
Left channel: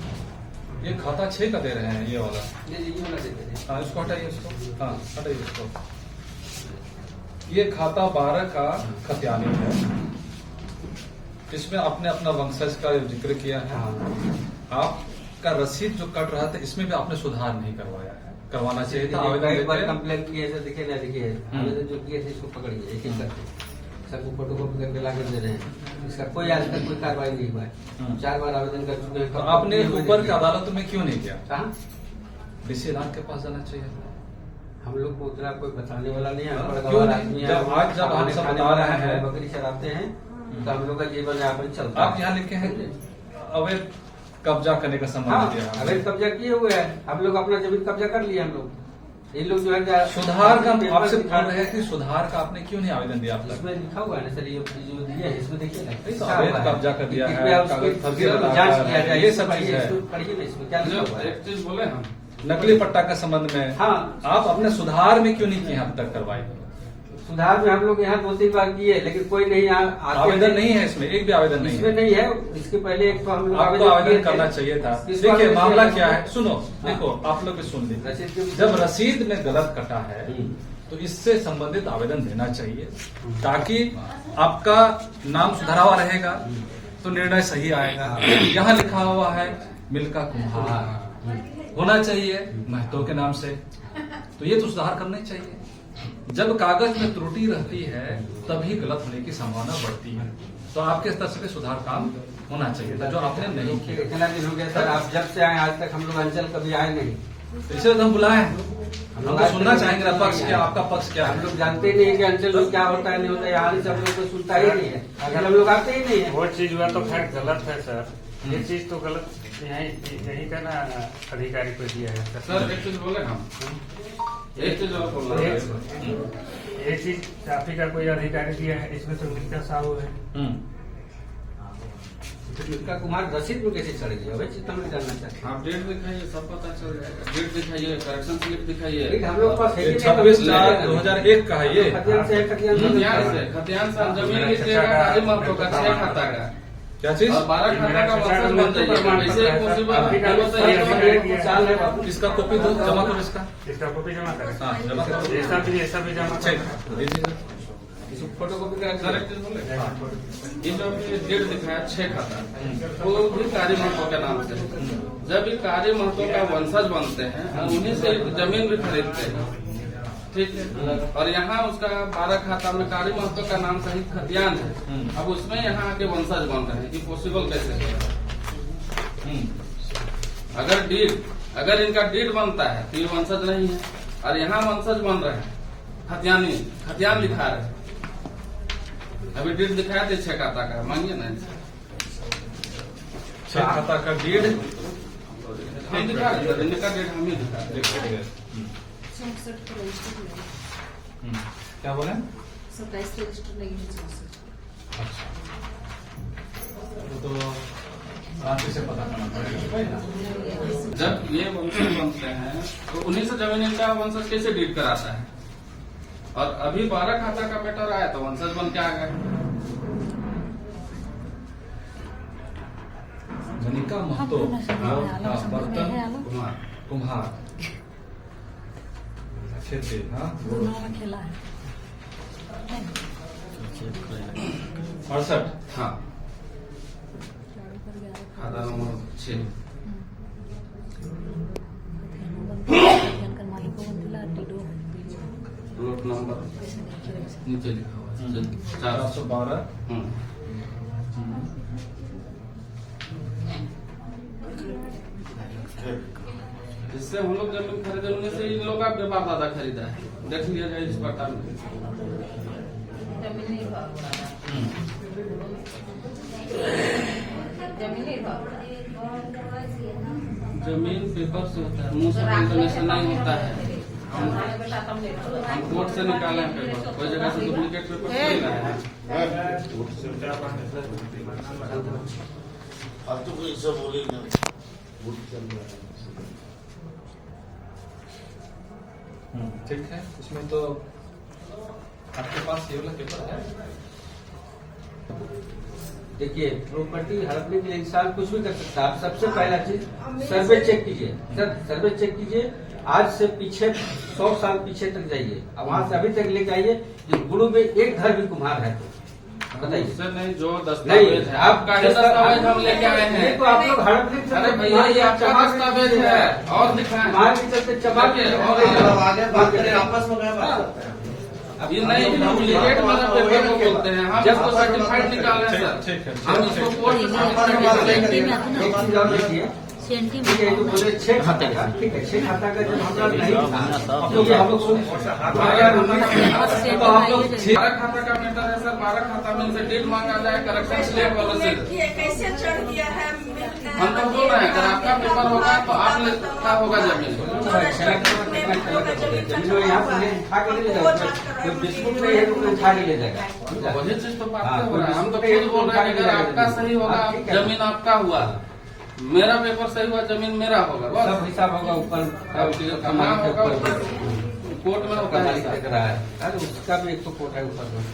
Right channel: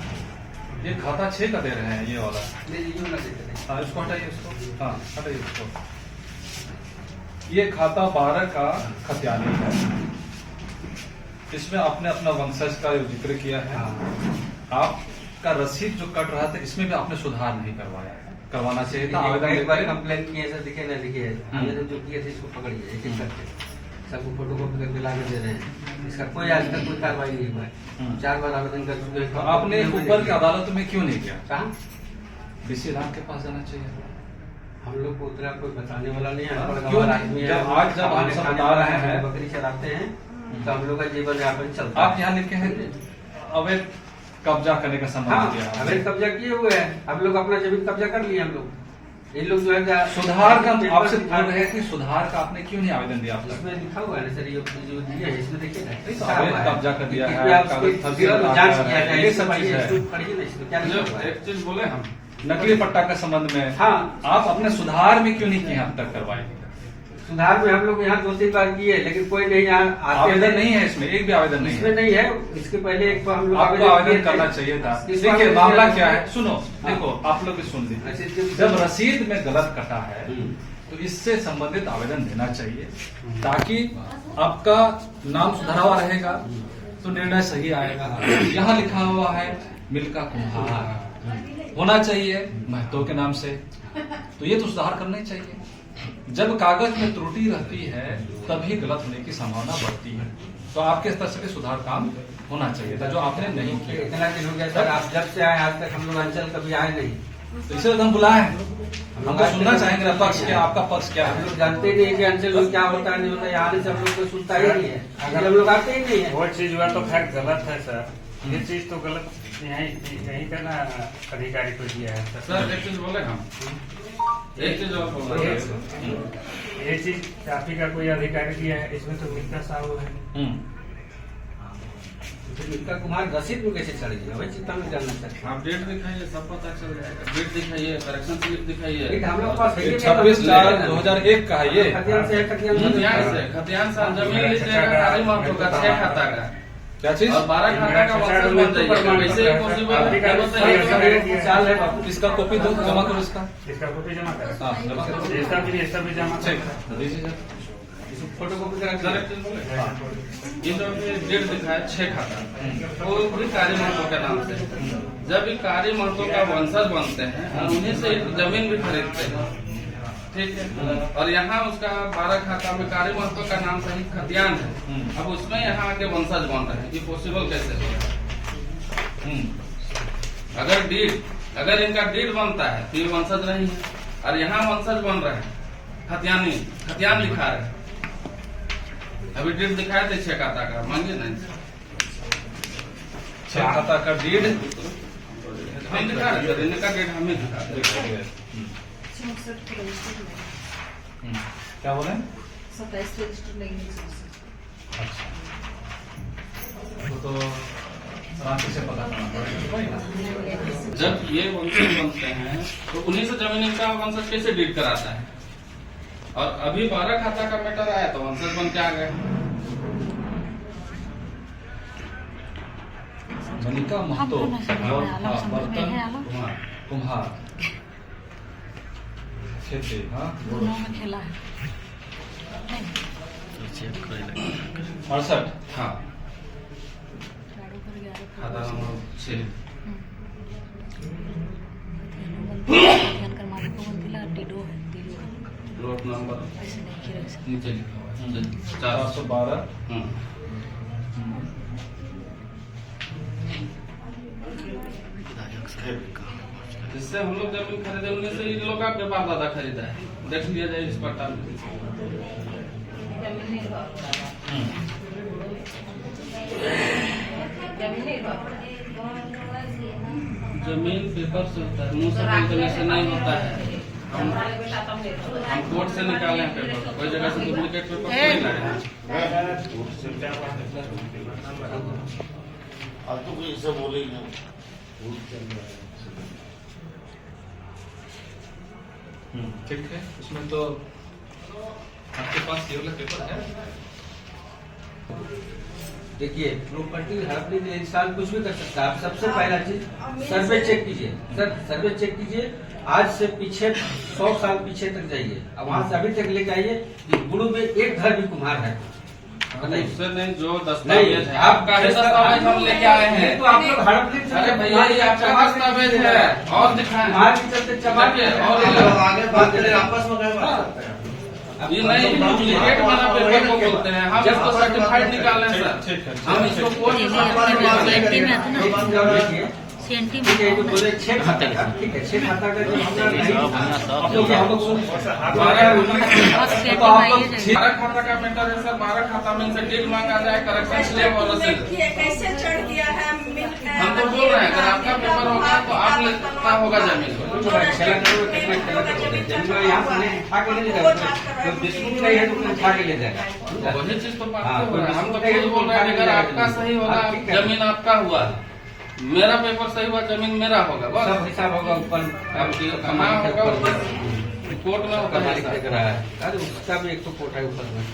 ये खाता 6 का दे रहे हैं, ये वाला। ये वाला देते थे। हाँ, इसको हटाइए, इसको, हाँ हटाइए इसको। ये खाता 12 का खतियानी है, इसमें आपने अपना वंशज का जो जिक्र किया है। आपका रसीद जो कट रहा था, इसमें भी आपने सुधार नहीं करवाया, करवाना चाहिए था। आवेदन एक बार देते- कंप्लेन किए सर, दिखे ना दिखे, आवेदन जो किए थे इसको पकड़िए एक एक करके, सबको फोटोकॉपी करके ला के दे रहे हैं, इसका कोई आज तक कोई कार्रवाई नहीं हुआ है। 4 बार आवेदन कर चुके हैं। तो आपने ऊपर की अदालत में क्यों नहीं गया? कहा डीसी राम के पास जाना चाहिए। हम लोग को उतना कोई बताने वाला नहीं है, अनपढ़ क्यों? गवार आदमी है। जब आज जब हम सब खाने बता वाला रहे है, हैं, बकरी चलाते हैं, तो हम लोग का जीवन यापन चलता आप यहाँ लिखे हैं अवैध कब्जा करने का हाँ, संबंध दिया। अवैध कब्जा किए हुए हैं, हम लोग अपना जमीन कब्जा कर लिए। हम लोग ये लोग जो है सुधार का पेपर आपसे दिखा पूछ रहे हैं कि सुधार का आपने क्यों नहीं आवेदन दिया आप तक? इसमें लिखा हुआ है ना सर, ये जो दिया है इसमें देखिए ना, तो अवैध कब्जा कर दिया है, इसमें आप कागज इसको फर्जी लगा जांच रहा किया है, जाए, ये ये सब चीज है। पढ़िए ना, इसमें क्या लिखा हुआ है। एक चीज बोले हम, नकली पट्टा के संबंध में हाँ। आप अपने सुधार में क्यों नहीं किए अब तक कार्रवाई? सुधार में हम लोग यहाँ 2-3 बार किए, लेकिन कोई नहीं यहाँ आते आवेदन नहीं है इसमें, एक भी आवेदन नहीं इसमें है। नहीं है। इसके पहले एक तो हम लोग आपको किए आवेदन थे। करना चाहिए था। इसको देखिए आवेदन मामला किया क्या था। है, सुनो, हाँ। देखो आप लोग भी सुन लीजिए। रसीद के जब रसीद में गलत कटा है तो इससे संबंधित आवेदन देना चाहिए, ताकि आपका नाम सुधरा हुआ रहेगा तो निर्णय सही आएगा। यहाँ लिखा हुआ है मिल्का कुम्हार, होना चाहिए महतो के नाम से, तो ये तो सुधार करना ही चाहिए। जब कागज में त्रुटि रहती है तभी गलत होने की संभावना बढ़ती है, तो आपके स्तर से भी सुधार काम होना चाहिए था, जो आपने नहीं किया। इतना दिन हो गया सर, आप जब से आए आज तक हम लोग अंचल कभी आए नहीं। इसलिए हम बुलाए हैं, हम तो सुनना चाहेंगे पक्ष क्या, आपका पक्ष क्या हम है। लोग जानते नहीं कि अंचल में क्या होता है नहीं होता है, यहाँ से हम लोग को सुनता ही नहीं है, अगर हम लोग आते ही नहीं है। वो चीज हुआ तो खैर गलत है सर, ये चीज तो गलत यही का ना अधिकारी को दिया है सर एक चीज बोले हम, एक चीज और बोल रहे हैं। ये चीज आप ही का कोई अधिकारी दिया है, इसमें तो मिल्का साहू है। मिल्का कुमार रसीद में कैसे चढ़ेगी, वही चीज हम जानना चाहते हैं। आप डेट दिखाइए, सब पता चल जाएगा। डेट दिखाइए, करेक्शन स्लिप दिखाइए। लेकिन हम लोग पास है ही नहीं, 26/4/2001 का है ये। खतियान से खतियान खतियान से जमीन लीजिएगा, काली महतो का 6 खाता का क्या चीज? और 12 खाता का वंशज बन जाइएगा। वैसे ही पॉसिबल चाल है बापू। इसका कॉपी दो, जमा करो इसका। इसका कॉपी जमा करें, हाँ, जमा करो। ये सब भी जमा करें। दीजिए सर। फोटो कॉपी करा सर एक चीज बोले, ये जो ये डेट दिखाया 6 खाता, वो भी कार्य महतो के नाम से। जब ये कार्य महतो का वंशज बनते हैं, उन्हीं से जमीन भी खरीदते हैं, ठीक है। और यहाँ उसका 12 खाता में कार्य महतो का नाम सही खतियान है, अब उसमें यहाँ आके वंशज बन रहे हैं, ये पॉसिबल कैसे है? अगर इनका डीड बनता है तो ये वंशज नहीं है, और यहाँ वंशज बन रहे हैं, खतियान लिखा है। अभी डीड दिखाए थे 6 खाता का, मानिए ना, 6 खाता का डीड हम दिखा रहे थे, इनका डेट हम ही दिखा रहे थे। 64 को रजिस्टर नहीं, क्या बोले? 27 रजिस्टर नहीं है। तो राशि से पता करना पड़ेगा, वही ना। जब ये वंशज बनते हैं तो उन्हीं से जमीन इनका वंशज कैसे डीड कराता है? और अभी 12 खाता का मैटर आया तो वंशज बन के आ गए। मनिका महतो और बर्तन कुम्हार क्षेत्र, हाँ 68। हाँ, खाता नंबर 6। प्लॉट नंबर नीचे लिखा हुआ है 412। जिससे हम लोग जमीन खरीदे उनमें से इन लोग का व्यापार दादा खरीदा है, देख लिया जाए इस पट्टा में। जमीन पेपर से होता है, मुंह से बोलने से नहीं होता है। हम कोर्ट से निकाले हैं पेपर, कोई जगह से डुप्लीकेट पेपर थोड़ी लाए हैं। अब तो कोई ऐसा बोलेगा ठीक है, इसमें तो आपके पास ये वाला पेपर है। देखिए प्रॉपर्टी हड़पने के लिए इंसान कुछ भी कर सकता है। आप सबसे पहला चीज सर्वे चेक कीजिए सर, सर्वे चेक कीजिए। आज से पीछे 100 साल पीछे तक जाइए और वहाँ से अभी तक लेके आइए कि गुरु में एक घर भी कुम्हार है तो बताइए। उससे नहीं, जो दस्तावेज है आपका ही दस्तावेज हम लेके आए हैं। तो आप लोग हड़प नहीं अरे भैया ये आपका दस्तावेज है और दिखाएं। मार की चलते चबा के ये नहीं डुप्लीकेट मेरा पेपर को बोलते हैं, हम इसको सर्टिफाइड निकालने सर। हम इसको कोर्ट सेंटी ठीक है, जो बोले 6 खाता का, ठीक है 6 खाता का जब हमारा नहीं तो ये हम लोग सुन 12 खाता का मैटर है सर। 12 खाता में से डील मांगा जाए, करेक्शन स्लैब वाला से कैसे चढ़ गया है हम तो बोल रहे हैं अगर आपका पेपर होगा तो आप लेना होगा जमीन। जमीन यहाँ पर उठा के ले जाएगा, कोई बिस्कुट नहीं है तो उठा के ले जाएगा। वही चीज तो बात हो रहा है। हम तो खुद बोल रहे हैं अगर आपका सही होगा जमीन आपका हुआ, मेरा पेपर सही हुआ जमीन मेरा होगा, बस सब हिसाब होगा ऊपर कोर्ट में होता है। अरे उसका भी एक तो कोर्ट है ऊपर में,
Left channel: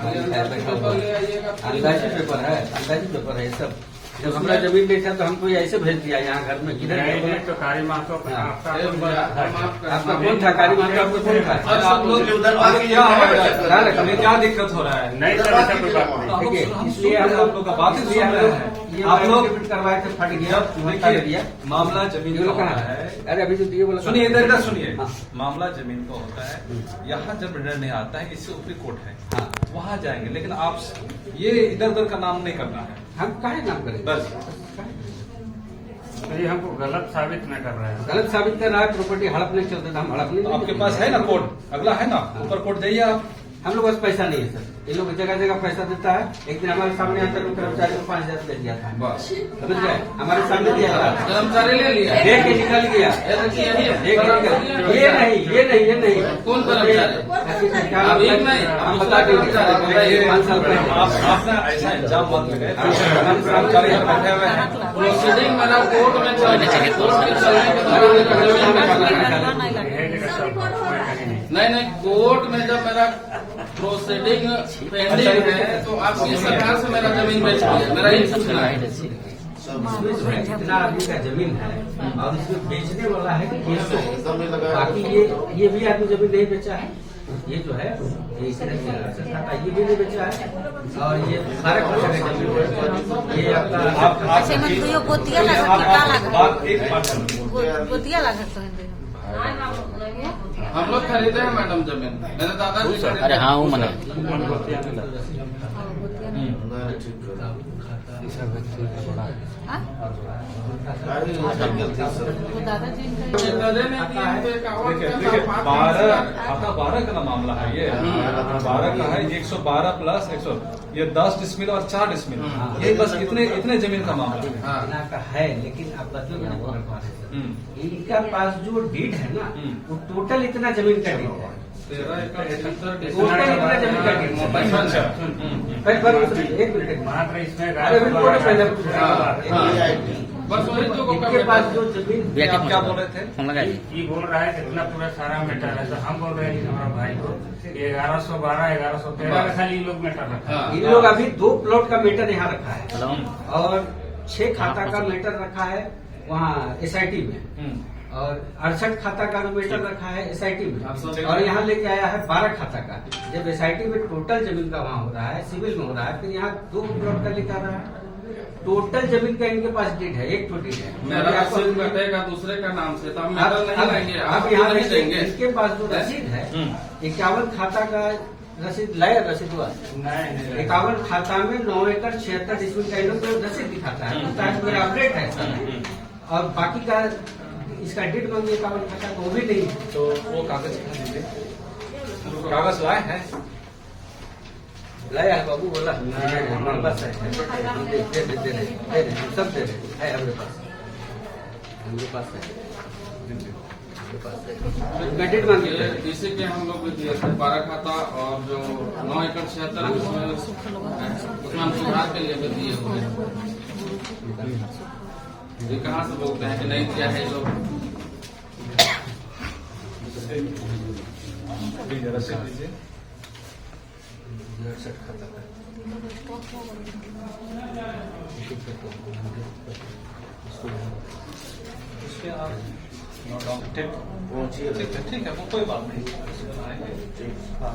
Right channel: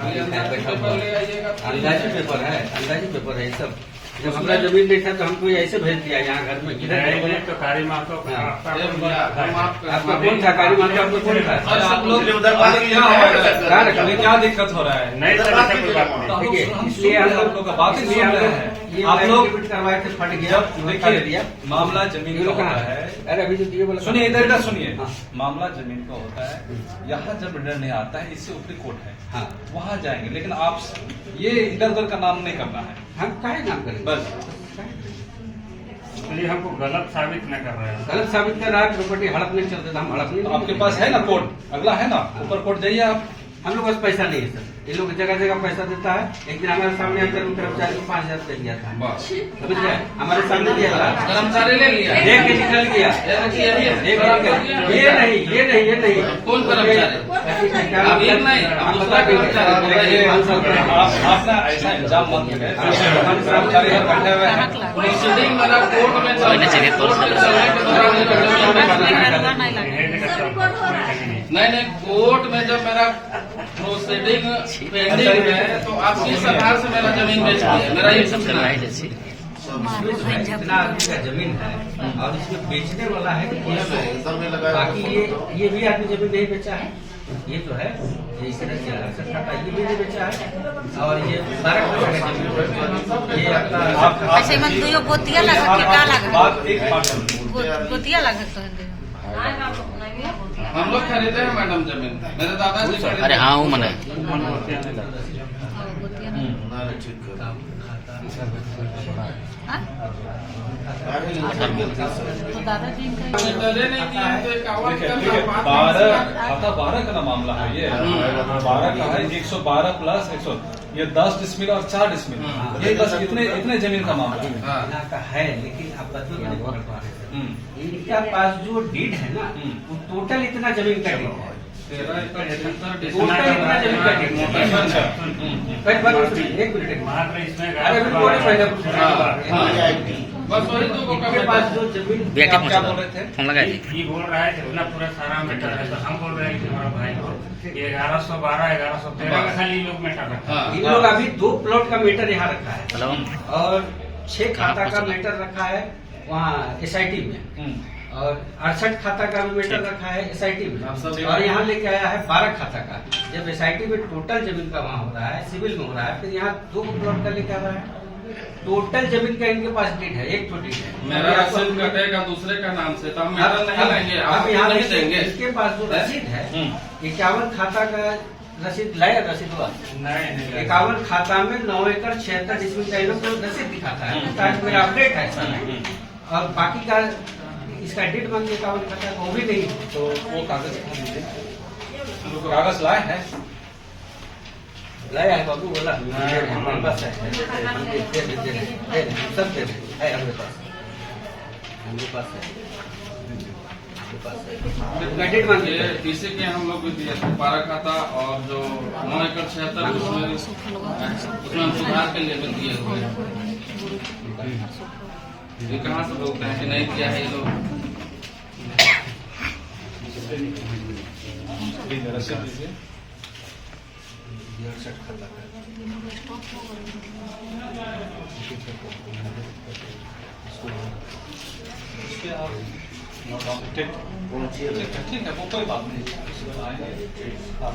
पेपर ले आइएगा। अंदाजी पेपर है, अंदाजी पेपर है सब। जब हमारा जमीन नहीं था तो हमको ऐसे भेज दिया यहाँ घर में किधर तो कारी मातो आपका कौन था कारी माता, आपका कौन था? क्या दिक्कत हो रहा है? नहीं सर, ऐसा कोई बात नहीं। ठीक है, इसलिए हम लोग का बात इसलिए हम लोग आप लोग करवाए थे, फट गया, देखिए दिया मामला जमीन का होता है। अरे अभी जो दिए बोला सुनिए इधर सुनिए, हाँ। मामला जमीन का होता है। यहाँ जब निर्णय नहीं आता है, इससे ऊपरी कोर्ट है, हाँ वहाँ जाएंगे। लेकिन आप ये इधर उधर का नाम नहीं करना है हम काहे नाम करेंगे बस। तो ये हमको गलत साबित न कर रहे हैं। गलत साबित कर रहा है, प्रॉपर्टी हड़प नहीं चलते तो हम हड़प नहीं। तो आपके पास है ना कोर्ट, अगला है ना, ऊपर कोर्ट जाइए आप। हम लोग पास पैसा नहीं है सर, ये लोग जगह जगह पैसा देता है। एक दिन हमारे सामने आकर कर्मचारी को 5,000 दे दिया था, समझ गए, हमारे सामने दिया था, कर्मचारी ले लिया, देख के निकल गया, देख के निकल। ये नहीं कौन कर्मचारी? हम बता देंगे 5 साल का आप ना ऐसा इल्जाम मत लगाइए। कर्मचारी बैठे हुए हैं, प्रोसीडिंग मेरा कोर्ट में नहीं, कोर्ट में जब मेरा प्रोसीडिंग पेंडिंग है तो आपकी सरकार से मेरा जमीन बेच दिया, मेरा ये जितना आदमी का जमीन है और इसमें बेचने वाला है कि बाकी ये भी आदमी जमीन नहीं बेचा है। ये जो है ये इस तरह से ये भी नहीं बेचा है और ये 12 का जमीन ये आपका ऐसे में दुयो गोतिया लगा गोतिया लगा तो हम लोग खरीदे हैं मैडम जमीन, मेरे दादाजी। अरे हाँ वो मना तो दादाजी देखिए 12 का ना मामला है ये। 12 का है, 112 प्लस 100, ये 10 डिसमिल और 4 डिसमिल, ये बस इतने जमीन का मामला है। का है। लेकिन आप बताइए इनका पास जो डीड है ना वो टोटल इतना जमीन का डीड है, टोटल इतना जमीन का डीड है। एक मिनट मात्र इसमें अरे बस वही तो इनके पास जो जमीन क्या बोल रहे थे? ये बोल रहा है जितना पूरा सारा मैटर है, तो हम बोल रहे हैं कि हमारा भाई को 1112 1113 का खाली लोग मैटर रखा है। इन लोग अभी 2 प्लॉट का मीटर यहाँ रखा है और 6 खाता का मीटर रखा है वहाँ SIT में, और 68 खाता का भी मीटर रखा है SIT में, और यहाँ लेके आया है 12 खाता का। जब SIT में टोटल जमीन का वहाँ हो रहा है, सिविल में हो रहा है, फिर यहाँ 2 प्लॉट का लेके आ रहा है। टोटल जमीन का इनके पास डीड है, एक तो डीड है। मेरा रसीद कटेगा दूसरे का नाम से, तो हम मेरा नहीं लेंगे, आप आप यहाँ नहीं देंगे। इसके पास जो रसीद है 51 खाता का रसीद लाया, रसीद हुआ नहीं 51 खाता में 9 एकड़ 76 डिसमिल का इन्होंने तो रसीद दिखाता है, ताकि मेरा अपडेट है सर। और बाकी का इसका डेट मांगी 51 खाता का वो भी नहीं। तो वो कागज दिखा दीजिए, कागज लाए हैं? लाया है बाबू, बोला हमारे पास है, हम दे रहे हैं, सब दे रहे हैं, हमारे पास है। डेट मांगी है, इसी के हम लोग भी दिए थे 12 खाता और जो 9 एकड़ 76 उसमें हम सुधार के लिए भी दिए हुए हैं। ये कहाँ से बोलते हैं कि नहीं दिया है ये लोग? लीजिए रसीद दीजिए। 68 खाता का उसके आप नोट डाउन, ठीक है, वो कोई बात नहीं, आएंगे। हाँ।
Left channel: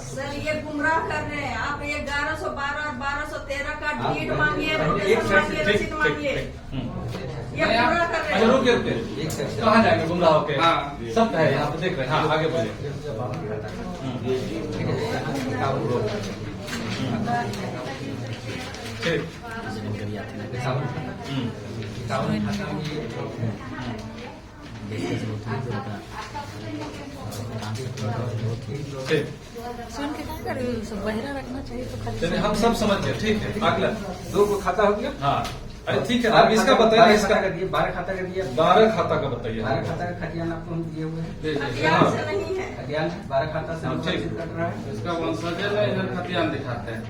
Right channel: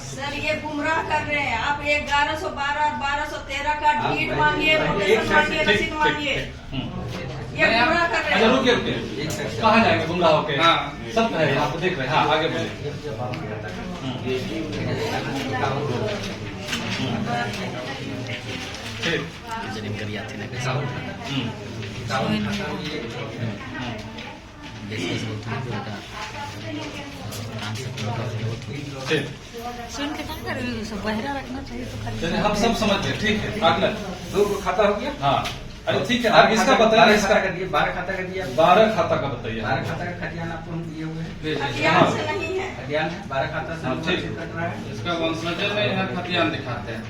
सर ये गुमराह कर रहे हैं आप। 1112 1213 का डीड मांगिए, नोटिस मांगिए, रसीद मांगिए, ये गुमराह कर रहे अच्छा हैं। रुकिए रुकिए, कहाँ जाएंगे गुमराह होके? हाँ। सब है यहाँ पे देख रहे हैं। हाँ आगे बढ़िए। ठीक। ठीक। सुन के क्या करेंगे, सब बहरा रखना चाहिए तो खाली। चलिए हम सब समझ गए, ठीक है। अगला 2 खाता हो गया। हाँ, अरे ठीक है, आप इसका बताइए। इसका 12 खाता का दिया, 12 खाता का बताइए। 12 खाता का खतियान आपको हम दिए हुए हैं। खतियान से नहीं है, खतियान 12 खाता से हाँ, हम ठीक। रसीद कट रहा है। इसका वंशज नहीं है, खतियान दिखाते हैं।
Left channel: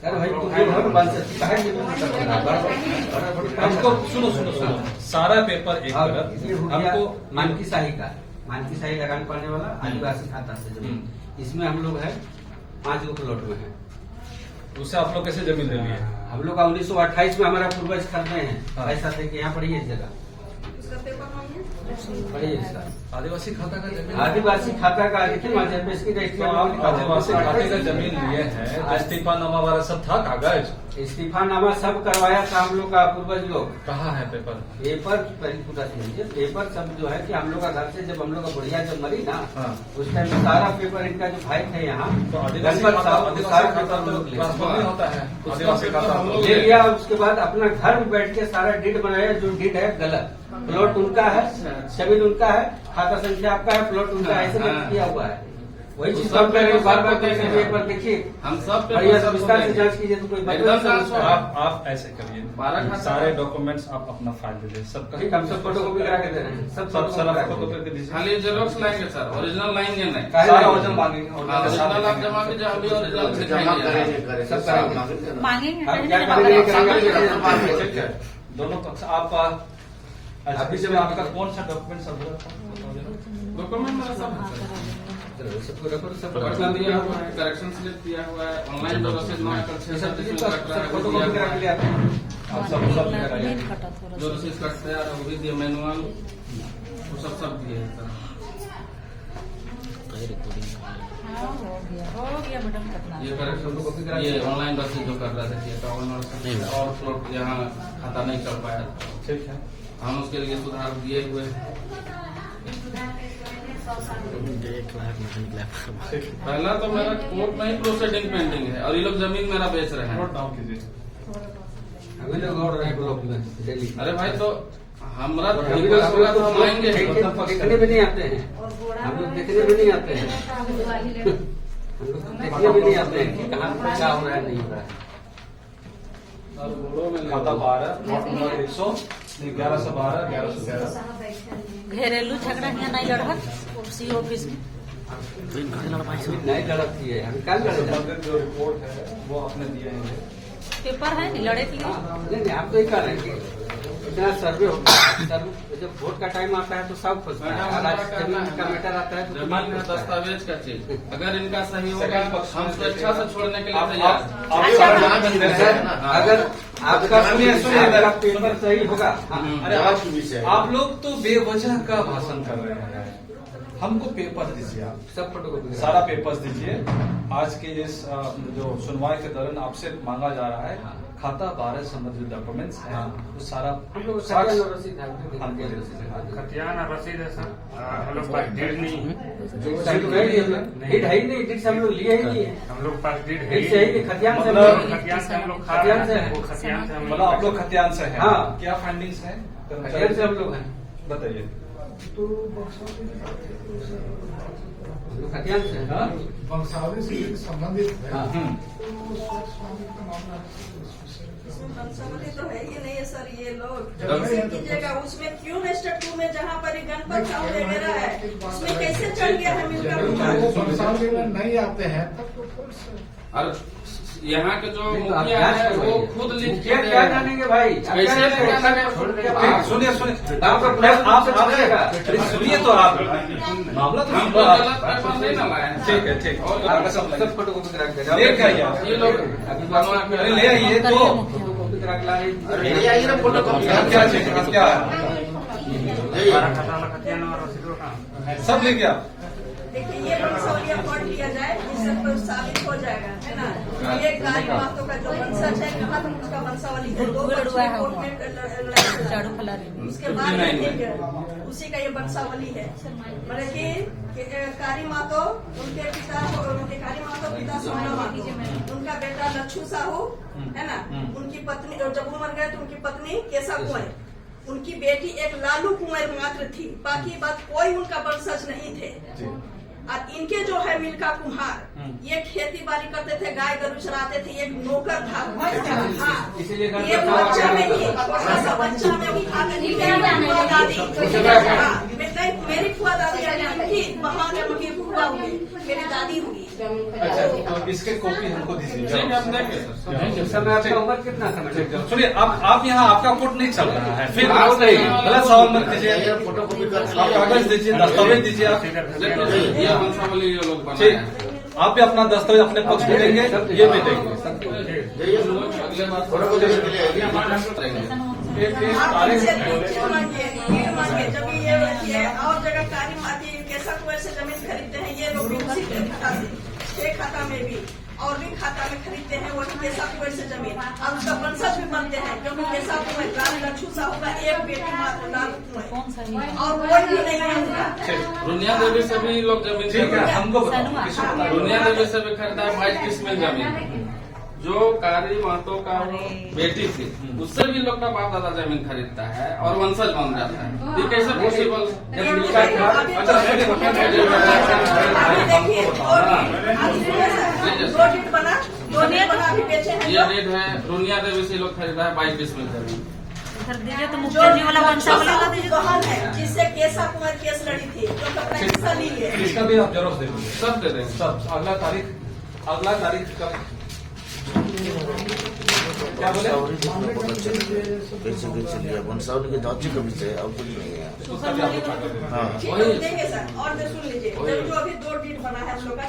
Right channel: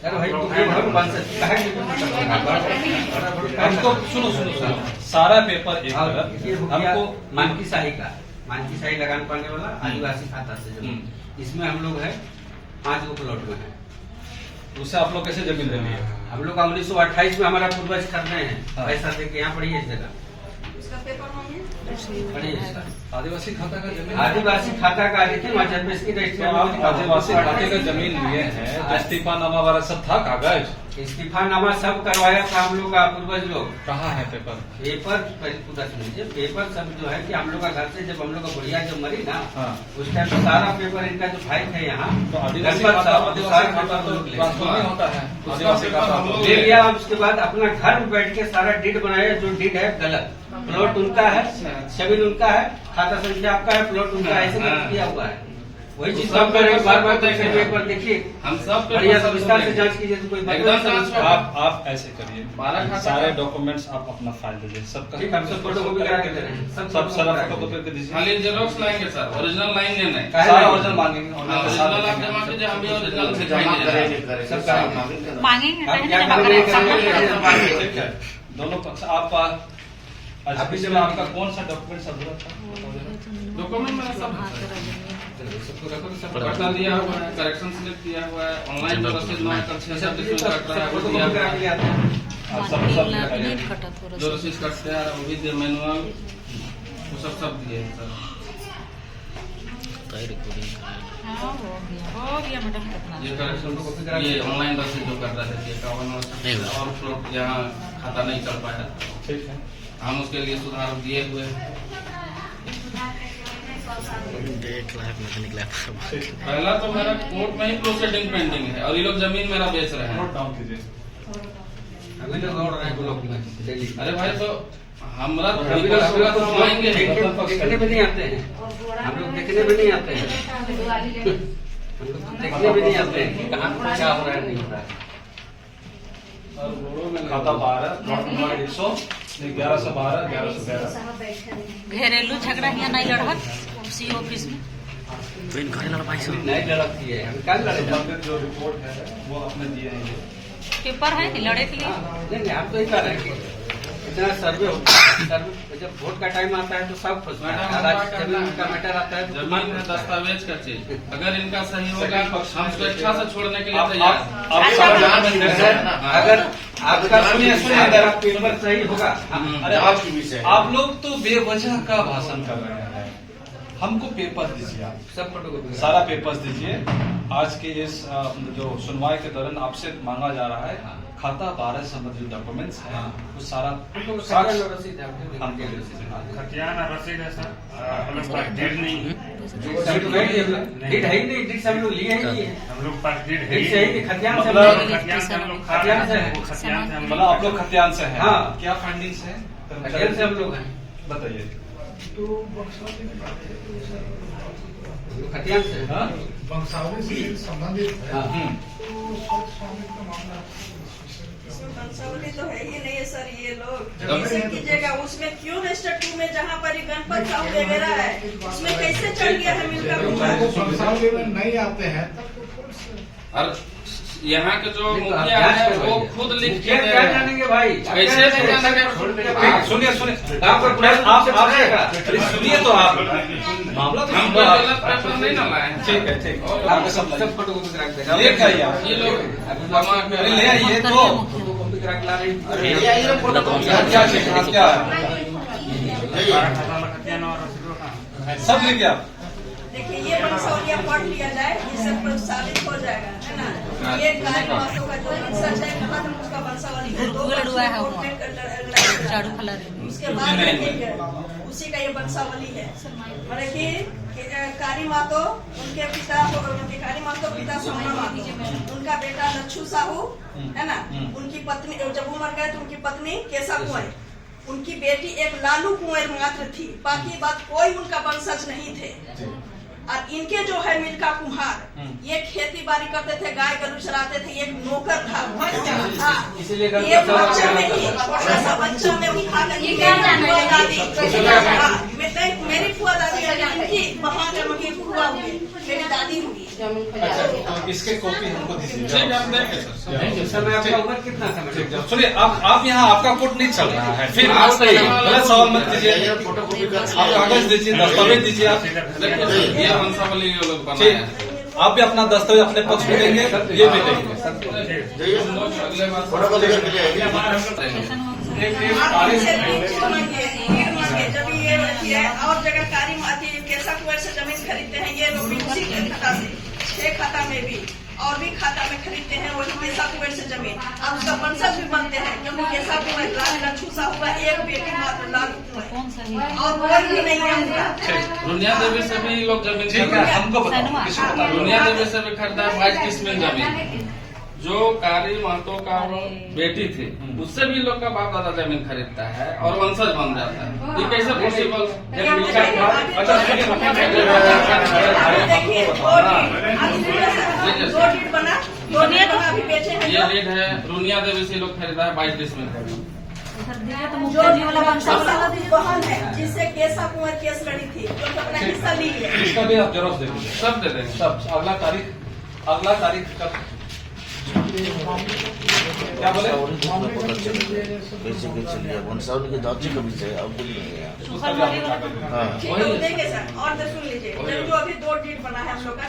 अरे भाई तुम जो भर बन सकती कहा कि हमको सुनो सुनो सुनो, सारा पेपर एक ये हो गया हमको मानकी शाही का, मानकी शाही लगाने पड़ने वाला आदिवासी खाता से जमीन। इसमें हम लोग है 5 गो प्लॉट में है। उससे आप लोग कैसे जमीन लेंगे? हम लोग का 1928 में हमारा पूर्वज खरीदे हैं, हाँ। पैसा दे के यहाँ पढ़िए इस जगह, इसका पेपर मांगिए। पढ़िए इसका आदिवासी खाता का जमीन? आदिवासी खाता का आई थी, वहाँ जब इसकी रजिस्ट्री तो आप आदिवासी खाते का जमीन लिए हैं, तो इस्तीफानामा वाला सब था कागज? इस्तीफानामा सब करवाया था हम लोग का पूर्वज लोग। कहाँ है पेपर? पेपर पहले पूरा सुनिए, पेपर सब जो है कि हम लोग का घर से जब हम लोग का बुढ़िया जब मरी ना, हाँ। उस टाइम सारा पेपर इनका जो भाई थे यहाँ तो आदिवासी गणपत खाता, साहब आदिवासी सारा खाता पेपर तो लोग ले ट्रांसफर नहीं होता है। उसका आदिवासी पेपर खाता हम लोग ले लिया। उसके बाद अपना घर में बैठ के सारा डीड बनाया, जो डीड है गलत, प्लॉट उनका है, जमीन उनका है, खाता संख्या आपका है, प्लॉट उनका है, ऐसे करके किया हुआ है। वही चीज हम कर रहे हैं, बार बार पेपर देखिए, हम सब बढ़िया पेपर विस्तार से जांच कीजिए तो कोई बात एकदम नहीं समझ ट्रांसफर। पाएगा। आप ऐसे करिए, 12 खाता सारे डॉक्यूमेंट्स आप अपना फाइल दीजिए, सबका ठीक, हम सब फोटो कॉपी करा के दे रहे हैं, सब सब सारा करा के फोटो दे रहे कॉपी दीजिए। खाली जेरोक्स लाएंगे सर, ओरिजिनल लाएंगे नहीं। काहे सारा नहीं? ओरिजिनल मांगेंगे, हाँ, ओरिजिनल ओरिजिनल आप जमा कीजिए, हम भी ओरिजिनल दिखाएंगे। सब करेंगे। मांगेंगे आप नहीं, क्या नहीं, करेंगे, नहीं, करेंगे, ठीक है, दोनों पक्ष आपका अभी इसमें जब आपका कौन सा डॉक्यूमेंट सब बताओ जरा। डॉक्यूमेंट मेरा सब है सर। चलो, सबको रखो, सब पटना दिया हुआ है, करेक्शन स्लिप दिया हुआ है, ऑनलाइन जो रसीद 9 एकड़ 6 डिसमिल कट रहा है वो फोटो दिया कॉपी करा हुआ के ले है। आते हैं। आप सब नहीं फटा थोड़ा जो सा। रसीद कटते हैं वो भी दिए, मैनुअल वो सब दिए हैं सर। हाँ, हो गया मैडम कितना। ये करेक्शन, ये ऑनलाइन रसीद जो कर रहा था कि 51 और प्लॉट यहाँ खाता नहीं चल पाया, ठीक है। हम उसके लिए सुधार दिए हुए हैं। पहला तो मेरा कोर्ट में ही प्रोसीडिंग पेंडिंग है और ये लोग जमीन मेरा बेच रहे हैं। नोट डाउन कीजिए। अभी लोग दौड़ रहे हैं ब्लॉक में डेली। अरे भाई तो हमारा तो अभी लोग घुमाएंगे नहीं। देखने भी नहीं आते हैं, हम लोग देखने भी नहीं आते हैं, हम लोग तो देखने भी नहीं आते हैं कि कहाँ पर क्या हो रहा है नहीं हो रहा है। और बोड़ो में खाता 12 नोट नंबर 100 1112 1111। घरेलू झगड़ा यहाँ नहीं लड़त सी ऑफिस में। नहीं लड़ती है, हम कल लड़े थे। संबंधित जो रिपोर्ट है वो आपने दिए हैं ये। पेपर है कि लड़े के लिए। हाँ, नहीं नहीं, हम तो ये कह रहे हैं कि इतना सर्वे होता है, सर्वे जब वोट का टाइम आता है तो सब खुश है, अगर जमीन का मैटर आता है तो जमीन में दस्तावेज का चीज अगर इनका सही होगा हम स्वेच्छा से छोड़ने के लिए आप तैयार हैं। अगर आपका सुनिए अगर आप पेपर सही होगा, अरे आप लोग तो बेवजह का भाषण कर रहे हैं। हमको पेपर दीजिए, आप सब फोटोकॉपी सारा पेपर्स दीजिए। आज के इस जो सुनवाई के दौरान आपसे मांगा जा रहा है खाता 12 संबंधित डॉक्यूमेंट्स है, वो सारा खतियान और रसीद है सर, हम लोग पास डेट नहीं है। डेट है ही नहीं, डेट से हम लोग लिए ही नहीं है, हम लोग पास डेट है डेट से ही नहीं, खतियान से हम मतलब लोग खतियान से हम लोग खा खतियान से रहे है। हैं, वो खतियान से हम मतलब आप लोग खतियान से हैं। हाँ। क्या फाइंडिंग्स है खतियान से हम लोग हैं, बताइए। खतियान से हाँ? वंशावली से संबंधित है। हम्म। इसमें वंशावली तो है ही नहीं है सर, ये लोग कैसे कीजिएगा? उसमें क्यों है स्टेप 2 में जहाँ पर गणपत साहू वगैरह है, उसमें कैसे चढ़ गया है मिलका कुमार? वंशावली में नहीं आते हैं तब तो पुलिस और यहाँ के जो मुखिया है वो खुद लिख के दे क्या रहे हैं। जानेंगे भाई? कैसे नहीं जानेंगे? सुनिए सुनिए, आपका पुलिस आप चलेगा। अरे सुनिए तो आप मामला तो हम सुनो कोई आप। गलत पेपर नहीं ना लगाए। ठीक है ठीक है, आपका सब सब फोटोकॉपी करा के ले के आइए आप। ये लोग अरे ले आइए तो फोटोकॉपी करा के ला रही क्या चाहिए, क्या है? 12 खाता वाला खतियान और रसीद कहाँ? सब लेके आप। देखिए ये वंशावली पढ़ लिया जाए, इससे साबित हो जाएगा, है ना? ये गाय मासों का जो वंशज है, कहाँ तक उसका वंशावली है, 2 वर्ष में कोर्ट में उसके बाद देखेंगे, उसी का ये वंशावली है। मतलब कि कारी मातो उनके पिता, कारी मातो पिता सोना मातो, उनका बेटा लच्छू साहू, है ना? उनकी पत्नी जब वो मर गए तो उनकी पत्नी केशा कुंवर, उनकी बेटी एक लालू कुंवर मात्र थी, बाकी बात कोई उनका वंशज नहीं थे। और इनके जो है मिल्का कुम्हार, ये खेती बाड़ी करते थे, गाय गरू चराते थे, एक नौकर था। हाँ, इसीलिए ये बच्चा में ही छोटा सा बच्चा में उठा कर मेरी फुआ दादी इनकी वहाँ के मम्मी फुआ हुई, मेरी दादी हुई। अच्छा, तो इसके कॉपी हमको दीजिए। ठीक है, हम देंगे सर। उस समय आपका उम्र कितना था? ठीक है, सुनिए आप यहाँ आपका कोर्ट नहीं चल रहा है, फिर आप गलत सवाल मत कीजिए। आप कागज दीजिए, दस्तावेज दीजिए आप। देखिए, ये वंशावली ये लोग बनाए ठीक, हैं। आप भी अपना दस्तावेज अपने पक्ष में देंगे, ये भी देंगे। अगले बार आप इनसे लीड मांगिए, जब ये और जगह कारी माती कैसा कुंवर से जमीन खरीदते हैं ये लोग भी उसी के खाता से, 6 खाता में भी और भी खाता में खरीदते हैं वही कैसा कुंवर से जमीन। अब उसका वंशज भी बनते हैं, क्योंकि कैसा कुंवर लाल लच्छू साहू का एक बेटी मात्र लाल कुंवर और कोई भी नहीं है उनका। रुनिया देवी से भी लोग जमीन ठीक है, खरीदा है। हमको बताओ किसको बता रुनिया देवी से भी खरीदा है 22 किस्में जमीन। जो कारी महतो का वो बेटी थी, उससे भी लोग का बाप दादा जमीन खरीदता है और वंशज बन जाता है। ये कैसे पॉसिबल? दो डीड बना, दो डीड बना अभी बेचे हैं ये लोग। रेट है रुनिया देवी से लोग खरीदा है 22 किस्में जमीन। जो बहन है जिससे केसा कुंवर केस लड़ी थी, जो अपना हिस्सा ली है। इसका भी आप जरूर दे दीजिए। सब दे देंगे। सब अगला तारीख का क्या बोले? वंशावली के जांच का विषय अब कुछ नहीं है। उसका भी आप बता देंगे। हाँ ठीक है, देंगे सर। और तो सुन लीजिए, जब जो अभी 2 डीड बना है हम लोग का